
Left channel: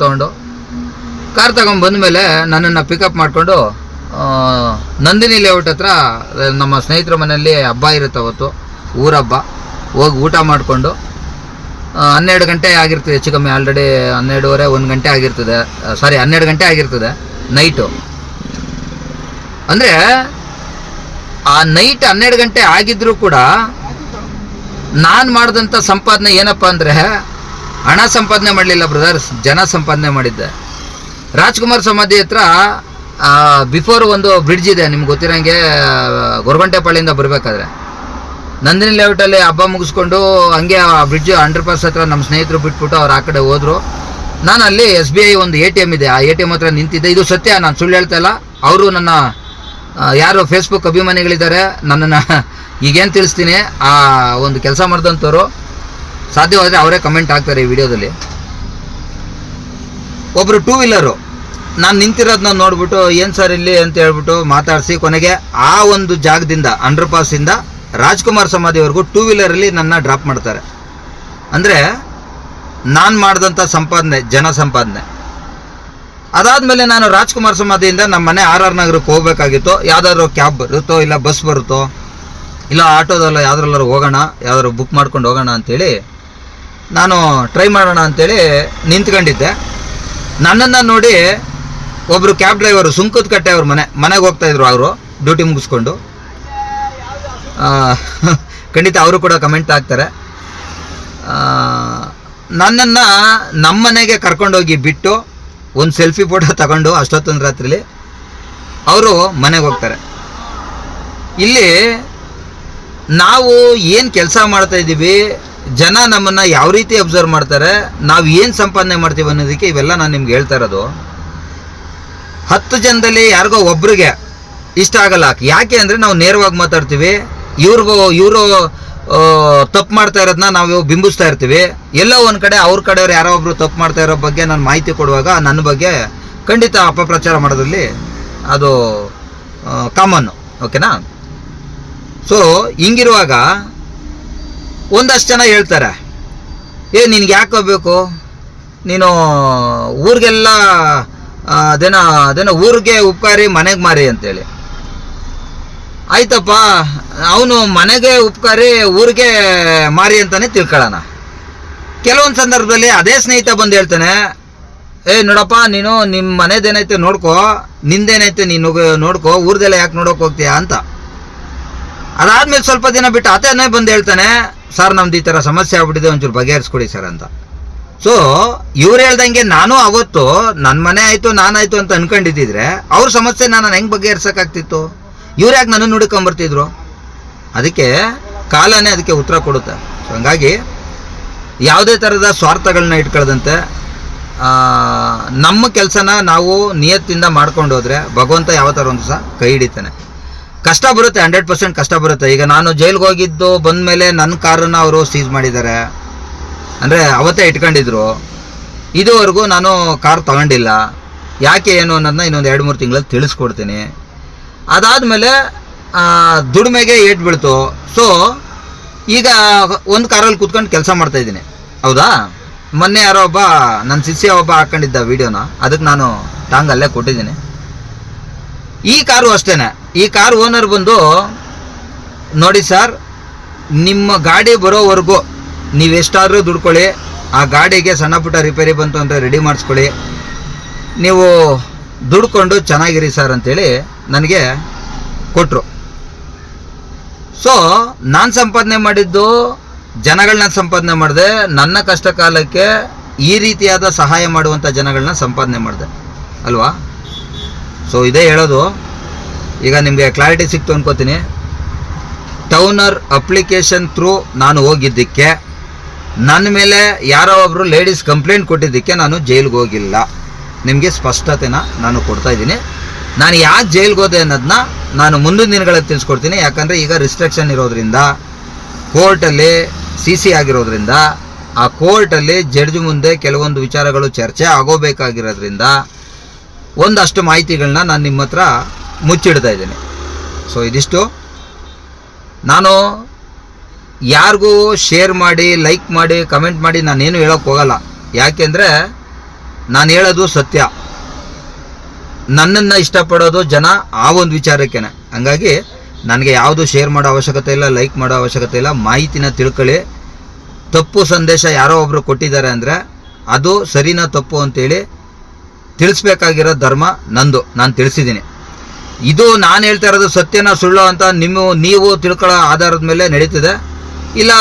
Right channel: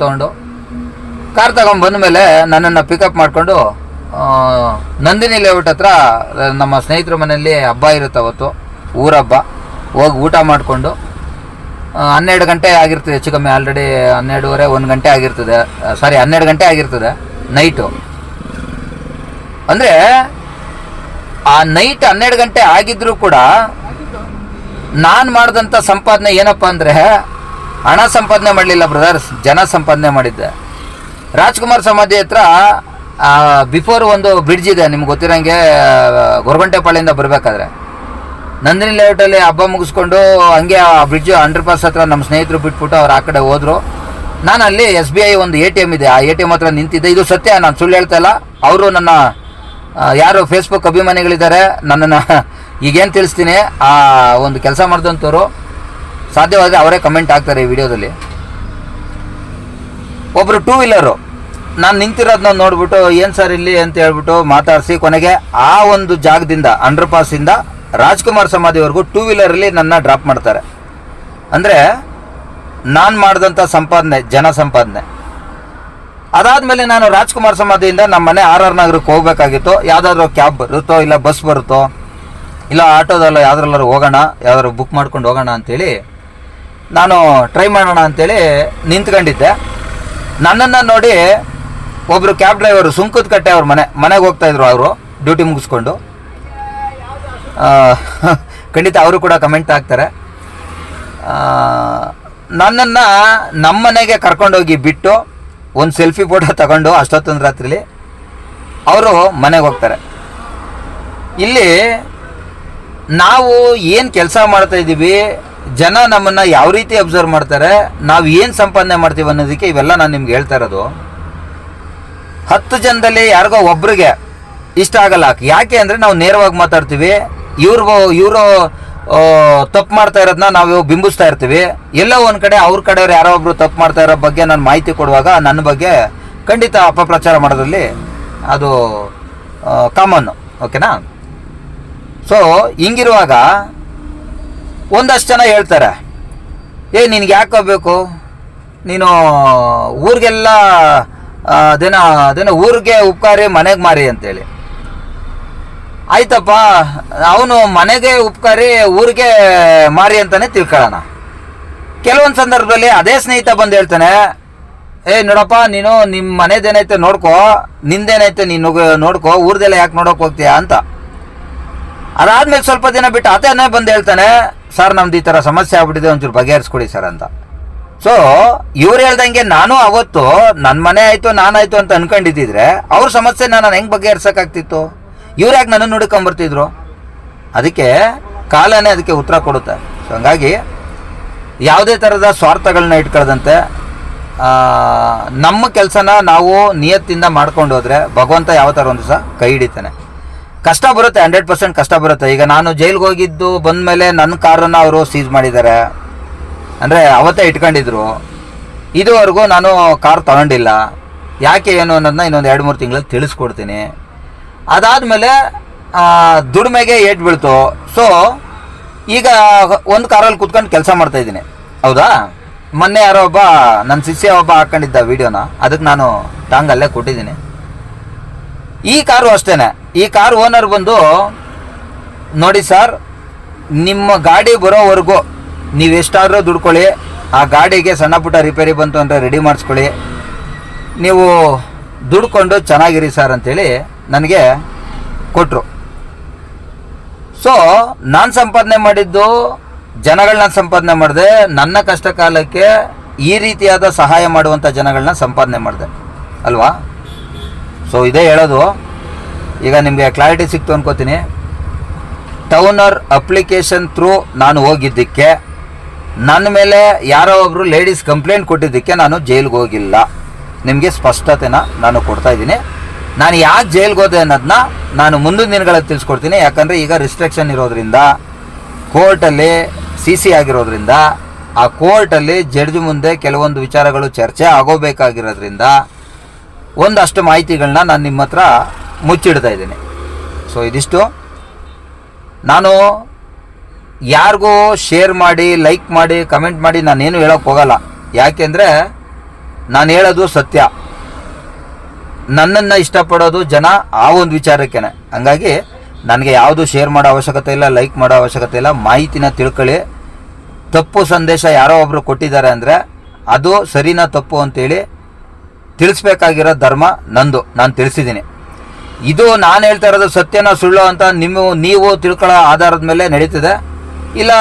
ತಗೊಂಡ್ಬಂದ ಮೇಲೆ ನನ್ನನ್ನು ಪಿಕಪ್ ಮಾಡಿಕೊಂಡು ನಂದಿನಿ ಲೇಔಟ್ ಹತ್ರ ನಮ್ಮ ಸ್ನೇಹಿತರ ಮನೆಯಲ್ಲಿ ಹಬ್ಬ ಇರುತ್ತೆ, ಅವತ್ತು ಊರಹಬ್ಬ. ಹೋಗಿ ಊಟ ಮಾಡಿಕೊಂಡು 12 ಗಂಟೆ ಆಗಿರ್ತದೆ, ಹೆಚ್ಚು ಕಮ್ಮಿ. ಆಲ್ರೆಡಿ 12:30 1 ಗಂಟೆ ಆಗಿರ್ತದೆ. 12 ಗಂಟೆ ಆಗಿರ್ತದೆ ನೈಟು. ಅಂದರೆ ಆ ನೈಟ್ 12 ಗಂಟೆ ಆಗಿದ್ರೂ ಕೂಡ ನಾನು ಮಾಡಿದಂಥ ಸಂಪಾದನೆ ಏನಪ್ಪ ಅಂದರೆ, ಹಣ ಸಂಪಾದನೆ ಮಾಡಲಿಲ್ಲ ಬ್ರದರ್ಸ್, ಜನ ಸಂಪಾದನೆ ಮಾಡಿದ್ದೆ. ರಾಜ್ಕುಮಾರ್ ಸಮಾಧಿ ಹತ್ರ ಬಿಫೋರ್ ಒಂದು ಬ್ರಿಡ್ಜ್ ಇದೆ, ನಿಮ್ಗೆ ಗೊತ್ತಿರೋಂಗೆ, ಗೊರಗುಂಟೆಪಾಳ್ಯದಿಂದ ಬರಬೇಕಾದ್ರೆ ನಂದಿನಿ ಲೇಔಟಲ್ಲಿ ಹಬ್ಬ ಮುಗಿಸ್ಕೊಂಡು ಹಂಗೆ ಆ ಬ್ರಿಡ್ಜ್ ಅಂಡರ್ ಪಾಸ್ ಹತ್ರ ನಮ್ಮ ಸ್ನೇಹಿತರು ಬಿಟ್ಬಿಟ್ಟು ಅವ್ರು ಆ ಕಡೆ ಹೋದರು. ನಾನು ಅಲ್ಲಿ SBI ಒಂದು ATM ಇದೆ, ಆ ATM ಹತ್ರ ನಿಂತಿದ್ದೆ. ಇದು ಸತ್ಯ, ನಾನು ಸುಳ್ಳು ಹೇಳ್ತಾ ಇಲ್ಲ. ಅವರು ನನ್ನ ಯಾರು ಫೇಸ್ಬುಕ್ ಅಭಿಮಾನಿಗಳಿದ್ದಾರೆ, ನನ್ನನ್ನು ಈಗೇನು ತಿಳಿಸ್ತೀನಿ, ಆ ಒಂದು ಕೆಲಸ ಮಾಡಿದಂಥವ್ರು ಸಾಧ್ಯವಾದರೆ ಅವರೇ ಕಮೆಂಟ್ ಹಾಕ್ತಾರೆ ಈ ವಿಡಿಯೋದಲ್ಲಿ. ಒಬ್ಬರು 2 ವೀಲರು ನಾನು ನಿಂತಿರೋದನ್ನ ನೋಡ್ಬಿಟ್ಟು, ಏನು ಸರ್ ಇಲ್ಲಿ ಅಂತ ಹೇಳ್ಬಿಟ್ಟು ಮಾತಾಡಿಸಿ ಕೊನೆಗೆ ಆ ಒಂದು ಜಾಗದಿಂದ ಅಂಡರ್ ಪಾಸಿಂದ ರಾಜ್ಕುಮಾರ್ ಸಮಾಧಿವರೆಗೂ 2 ವೀಲರಲ್ಲಿ ನನ್ನ ಡ್ರಾಪ್ ಮಾಡ್ತಾರೆ. ಅಂದರೆ ನಾನು ಮಾಡಿದಂಥ ಸಂಪಾದನೆ, ಜನ ಸಂಪಾದನೆ. ಅದಾದಮೇಲೆ ನಾನು ರಾಜ್ಕುಮಾರ್ ಸಮಾಧಿಯಿಂದ ನಮ್ಮ ಮನೆ RR ನಗರಕ್ಕೆ ಹೋಗಬೇಕಾಗಿತ್ತು. ಯಾವುದಾದ್ರೂ ಕ್ಯಾಬ್ ಬರುತ್ತೋ, ಇಲ್ಲ ಬಸ್ ಬರುತ್ತೋ, ಇಲ್ಲ ಆಟೋದಲ್ಲ ಯಾವುದ್ರಲ್ಲಾರು ಹೋಗೋಣ, ಯಾವ್ದಾದ್ರು ಬುಕ್ ಮಾಡ್ಕೊಂಡು ಹೋಗೋಣ ಅಂಥೇಳಿ ನಾನು ಟ್ರೈ ಮಾಡೋಣ ಅಂಥೇಳಿ ನಿಂತ್ಕೊಂಡಿದ್ದೆ. ನನ್ನನ್ನು ನೋಡಿ ಒಬ್ಬರು ಕ್ಯಾಬ್ ಡ್ರೈವರು, ಸುಂಕದ ಕಟ್ಟೆ ಅವ್ರ ಮನೆಗೆ ಹೋಗ್ತಾಯಿದ್ರು ಅವರು, ಡ್ಯೂಟಿ ಮುಗಿಸ್ಕೊಂಡು. ಖಂಡಿತ ಅವರು ಕೂಡ ಕಮೆಂಟ್ ಹಾಕ್ತಾರೆ. ನನ್ನನ್ನು ನಮ್ಮ ಮನೆಗೆ ಕರ್ಕೊಂಡೋಗಿ ಬಿಟ್ಟು ಒಂದು ಸೆಲ್ಫಿ ಫೋಟೋ ತಗೊಂಡು ಅಷ್ಟೊತ್ತೊಂದು ರಾತ್ರಿಲಿ ಅವರು ಮನೆಗೆ ಹೋಗ್ತಾರೆ. ಇಲ್ಲಿ ನಾವು ಏನು ಕೆಲಸ ಮಾಡ್ತಾಯಿದ್ದೀವಿ, ಜನ ನಮ್ಮನ್ನು ಯಾವ ರೀತಿ ಅಬ್ಸರ್ವ್ ಮಾಡ್ತಾರೆ, ನಾವು ಏನು ಸಂಪಾದನೆ ಮಾಡ್ತೀವಿ ಅನ್ನೋದಕ್ಕೆ ಇವೆಲ್ಲ ನಾನು ನಿಮ್ಗೆ ಹೇಳ್ತಾ ಇರೋದು. 10 ಜನದಲ್ಲಿ ಯಾರಿಗೋ ಒಬ್ರಿಗೆ ಇಷ್ಟ ಆಗಲ್ಲ. ಯಾಕೆ ಅಂದರೆ ನಾವು ನೇರವಾಗಿ ಮಾತಾಡ್ತೀವಿ. ಇವರು ತಪ್ಪು ಮಾಡ್ತಾ ಇರೋದನ್ನ ನಾವು ಬಿಂಬಿಸ್ತಾ ಇರ್ತೀವಿ. ಎಲ್ಲೋ ಒಂದು ಕಡೆ ಅವ್ರ ಕಡೆಯವ್ರು ಯಾರೋ ಒಬ್ರು ತಪ್ಪು ಮಾಡ್ತಾ ಇರೋ ಬಗ್ಗೆ ನಾನು ಮಾಹಿತಿ ಕೊಡುವಾಗ ನನ್ನ ಬಗ್ಗೆ ಖಂಡಿತ ಅಪಪ್ರಚಾರ ಮಾಡೋದ್ರಲ್ಲಿ ಅದು ಕಾಮನ್ನು, ಓಕೆನಾ? ಸೊ ಹಿಂಗಿರುವಾಗ ಒಂದಷ್ಟು ಜನ ಹೇಳ್ತಾರೆ, ನಿನಗೆ ಯಾಕೆ ಬೇಕು, ನೀನು ಊರಿಗೆಲ್ಲ ಅದೇನೋ ಊರಿಗೆ ಉಪಕಾರಿ ಮನೆಗೆ ಮಾರಿ ಅಂತೇಳಿ. ಆಯ್ತಪ್ಪ, ಅವನು ಮನೆಗೆ ಉಪಕಾರಿ ಊರಿಗೆ ಮಾರಿ ಅಂತಲೇ ತಿಳ್ಕೊಳ್ಳೋಣ. ಕೆಲವೊಂದು ಸಂದರ್ಭದಲ್ಲಿ ಅದೇ ಸ್ನೇಹಿತ ಬಂದು ಹೇಳ್ತಾನೆ, ನೋಡಪ್ಪ, ನೀನು ನಿಮ್ಮ ಮನೆದೇನೈತೆ ನೋಡ್ಕೋ, ನಿಂದೇನೈತೆ ನೀನು ನೋಡ್ಕೋ, ಊರ್ದೆಲ್ಲ ಯಾಕೆ ನೋಡೋಕೆ ಹೋಗ್ತೀಯಾ ಅಂತ. ಅದಾದ್ಮೇಲೆ ಸ್ವಲ್ಪ ದಿನ ಬಿಟ್ಟು ಆತನೇ ಬಂದು ಹೇಳ್ತಾನೆ, ಸರ್ ನಮ್ದು ಈ ಥರ ಸಮಸ್ಯೆ ಆಗ್ಬಿಟ್ಟಿದೆ, ಒಂಚೂರು ಬಗೆಹರಿಸ್ಕೊಡಿ ಸರ್ ಅಂತ. ಸೊ ಇವ್ರು ಹೇಳ್ದಂಗೆ ನಾನು ಅವತ್ತು ನನ್ನ ಮನೆ ಆಯಿತು ನಾನಾಯಿತು ಅಂತ ಅನ್ಕೊಂಡಿದ್ದಿದ್ರೆ ಅವ್ರ ಸಮಸ್ಯೆ ನಾನು ಹೆಂಗೆ ಬಗೆಹರಿಸೋಕ್ಕಾಗ್ತಿತ್ತು? ಇವ್ರು ಯಾಕೆ ನನ್ನ ಹುಡುಕೊಂಬರ್ತಿದ್ರು? ಅದಕ್ಕೆ ಕಾಲನೇ ಅದಕ್ಕೆ ಉತ್ತರ ಕೊಡುತ್ತೆ. ಸೊ ಹಂಗಾಗಿ ಯಾವುದೇ ಥರದ ಸ್ವಾರ್ಥಗಳನ್ನ ಇಟ್ಕೊಳ್ಳದಂತೆ ನಮ್ಮ ಕೆಲಸನ ನಾವು ನಿಯತ್ತಿಂದ ಮಾಡ್ಕೊಂಡು ಹೋದರೆ ಭಗವಂತ ಯಾವ ಥರ ಒಂದು ಸಹ ಕೈ ಹಿಡಿತಾನೆ. ಕಷ್ಟ ಬರುತ್ತೆ, 100% ಕಷ್ಟ ಬರುತ್ತೆ. ಈಗ ನಾನು ಜೈಲಿಗೆ ಹೋಗಿದ್ದು ಬಂದಮೇಲೆ ನನ್ನ ಕಾರನ್ನು ಅವರು ಸೀಸ್ ಮಾಡಿದ್ದಾರೆ, ಅಂದರೆ ಅವತ್ತೇ ಇಟ್ಕೊಂಡಿದ್ರು. ಇದುವರೆಗೂ ನಾನು ಕಾರ್ ತಗೊಂಡಿಲ್ಲ. ಯಾಕೆ ಏನು ಅನ್ನೋದನ್ನ ಇನ್ನೊಂದು 2-3 ತಿಂಗಳಲ್ಲಿ ತಿಳಿಸ್ಕೊಡ್ತೀನಿ. ಅದಾದಮೇಲೆ ದುಡಿಮೆಗೆ ಏಟ್ ಬೀಳ್ತು. ಸೊ ಈಗ ಒಂದು ಕಾರಲ್ಲಿ ಕೂತ್ಕೊಂಡು ಕೆಲಸ ಮಾಡ್ತಾಯಿದ್ದೀನಿ, ಹೌದಾ. ಮೊನ್ನೆ ಯಾರೋ ಒಬ್ಬ ನನ್ನ ಶಿಷ್ಯ ಒಬ್ಬ ಹಾಕ್ಕೊಂಡಿದ್ದ ವೀಡಿಯೋನ, ಅದಕ್ಕೆ ನಾನು ಟಾಂಗಲ್ಲೇ ಕೊಟ್ಟಿದ್ದೀನಿ. ಈ ಕಾರು ಅಷ್ಟೇ. ಈ ಕಾರ್ ಓನರ್ ಬಂದು, ನೋಡಿ ಸರ್, ನಿಮ್ಮ ಗಾಡಿ ಬರೋವರೆಗೂ ನೀವೆಷ್ಟಾದರೂ ದುಡ್ಕೊಳ್ಳಿ, ಆ ಗಾಡಿಗೆ ಸಣ್ಣ ಪುಟ್ಟ ರಿಪೇರಿ ಬಂತು ಅಂದರೆ ರೆಡಿ ಮಾಡಿಸ್ಕೊಳ್ಳಿ, ನೀವು ದುಡ್ಕೊಂಡು ಚೆನ್ನಾಗಿರಿ ಸರ್ ಅಂತೇಳಿ ನನಗೆ ಕೊಟ್ಟರು. ಸೊ ನಾನು ಸಂಪಾದನೆ ಮಾಡಿದ್ದು, ಜನಗಳನ್ನ ಸಂಪಾದನೆ ಮಾಡಿದೆ. ನನ್ನ ಕಷ್ಟ ಕಾಲಕ್ಕೆ ಈ ರೀತಿಯಾದ ಸಹಾಯ ಮಾಡುವಂಥ ಜನಗಳನ್ನ ಸಂಪಾದನೆ ಮಾಡಿದೆ ಅಲ್ವಾ. ಸೊ ಇದೇ ಹೇಳೋದು. ಈಗ ನಿಮಗೆ ಕ್ಲಾರಿಟಿ ಸಿಕ್ತು ಅನ್ಕೋತೀನಿ. ಟೌನರ್ ಅಪ್ಲಿಕೇಶನ್ ಥ್ರೂ ನಾನು ಹೋಗಿದ್ದಕ್ಕೆ, ನನ್ನ ಮೇಲೆ ಯಾರೋ ಒಬ್ಬರು ಲೇಡೀಸ್ ಕಂಪ್ಲೇಂಟ್ ಕೊಟ್ಟಿದ್ದಕ್ಕೆ ನಾನು ಜೈಲಿಗೆ ಹೋಗಿಲ್ಲ. ನಿಮಗೆ ಸ್ಪಷ್ಟತೆನ ನಾನು ಕೊಡ್ತಾಯಿದ್ದೀನಿ. ನಾನು ಯಾಕೆ ಜೈಲಿಗೆ ಹೋದೆ ಅನ್ನೋದನ್ನ ನಾನು ಮುಂದಿನ ದಿನಗಳಲ್ಲಿ ತಿಳಿಸ್ಕೊಡ್ತೀನಿ. ಯಾಕಂದರೆ ಈಗ ರಿಸ್ಟ್ರಿಕ್ಷನ್ ಇರೋದ್ರಿಂದ, ಕೋರ್ಟಲ್ಲಿ CC ಆಗಿರೋದ್ರಿಂದ, ಆ ಕೋರ್ಟಲ್ಲಿ ಜಡ್ಜ್ ಮುಂದೆ ಕೆಲವೊಂದು ವಿಚಾರಗಳು ಚರ್ಚೆ ಆಗೋಬೇಕಾಗಿರೋದ್ರಿಂದ ಒಂದಷ್ಟು ಮಾಹಿತಿಗಳನ್ನ ನಾನು ನಿಮ್ಮ ಹತ್ರ ಮುಚ್ಚಿಡ್ತಾ ಇದ್ದೀನಿ. ಸೊ ಇದಿಷ್ಟು. ನಾನು ಯಾರಿಗೂ ಶೇರ್ ಮಾಡಿ, ಲೈಕ್ ಮಾಡಿ, ಕಮೆಂಟ್ ಮಾಡಿ ನಾನೇನು ಹೇಳೋಕ್ಕೆ ಹೋಗಲ್ಲ. ಯಾಕೆಂದರೆ ನಾನು ಹೇಳೋದು ಸತ್ಯ. ನನ್ನನ್ನು ಇಷ್ಟಪಡೋದು ಜನ ಆ ಒಂದು ವಿಚಾರಕ್ಕೇನೆ. ಹಂಗಾಗಿ ನನಗೆ ಯಾವುದು ಶೇರ್ ಮಾಡೋ ಅವಶ್ಯಕತೆ ಇಲ್ಲ, ಲೈಕ್ ಮಾಡೋ ಅವಶ್ಯಕತೆ ಇಲ್ಲ. ಮಾಹಿತಿನ ತಿಳ್ಕೊಳ್ಳಿ. ತಪ್ಪು ಸಂದೇಶ ಯಾರೋ ಒಬ್ಬರು ಕೊಟ್ಟಿದ್ದಾರೆ ಅಂದರೆ ಅದು ಸರಿನಾ ತಪ್ಪು ಅಂತೇಳಿ ತಿಳಿಸ್ಬೇಕಾಗಿರೋ ಧರ್ಮ ನಂದು. ನಾನು ತಿಳಿಸಿದ್ದೀನಿ. ಇದು ನಾನು ಹೇಳ್ತಾ ಇರೋದು ಸತ್ಯನ ಸುಳ್ಳು ಅಂತ ನೀವು ತಿಳ್ಕೊಳ್ಳೋ ಆಧಾರದ ಮೇಲೆ ನಡೀತಿದೆ. ಇಲ್ಲ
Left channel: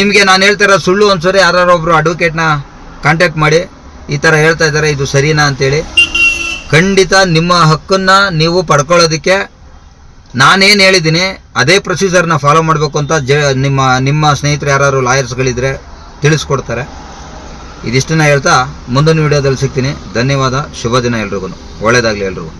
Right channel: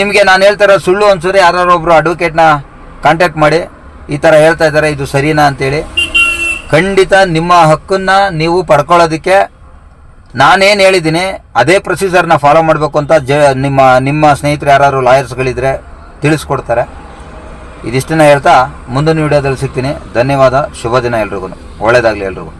ನಿಮಗೆ ನಾನು ಹೇಳ್ತಾ ಇರೋದು ಸುಳ್ಳು ಅನ್ಸೋರಿ ಯಾರೊಬ್ಬರು ಅಡ್ವೊಕೇಟ್ನ ಕಾಂಟ್ಯಾಕ್ಟ್ ಮಾಡಿ, ಈ ಥರ ಹೇಳ್ತಾ ಇದ್ದಾರೆ, ಇದು ಸರಿನಾ ಅಂತೇಳಿ. ಖಂಡಿತ ನಿಮ್ಮ ಹಕ್ಕನ್ನು ನೀವು ಪಡ್ಕೊಳ್ಳೋದಕ್ಕೆ ನಾನೇನು ಹೇಳಿದ್ದೀನಿ ಅದೇ ಪ್ರೊಸೀಜರ್ನ ಫಾಲೋ ಮಾಡಬೇಕು ಅಂತ ನಿಮ್ಮ ಸ್ನೇಹಿತರು ಯಾರು ಲಾಯರ್ಸ್ಗಳಿದ್ರೆ ತಿಳಿಸ್ಕೊಡ್ತಾರೆ. ಇದಿಷ್ಟನ್ನ ಹೇಳ್ತಾ ಮುಂದಿನ ವೀಡಿಯೋದಲ್ಲಿ ಸಿಗ್ತೀನಿ. ಧನ್ಯವಾದ. ಶುಭ ದಿನ ಎಲ್ರಿಗೂ. ಒಳ್ಳೆಯದಾಗಲಿ ಎಲ್ರಿಗೂ.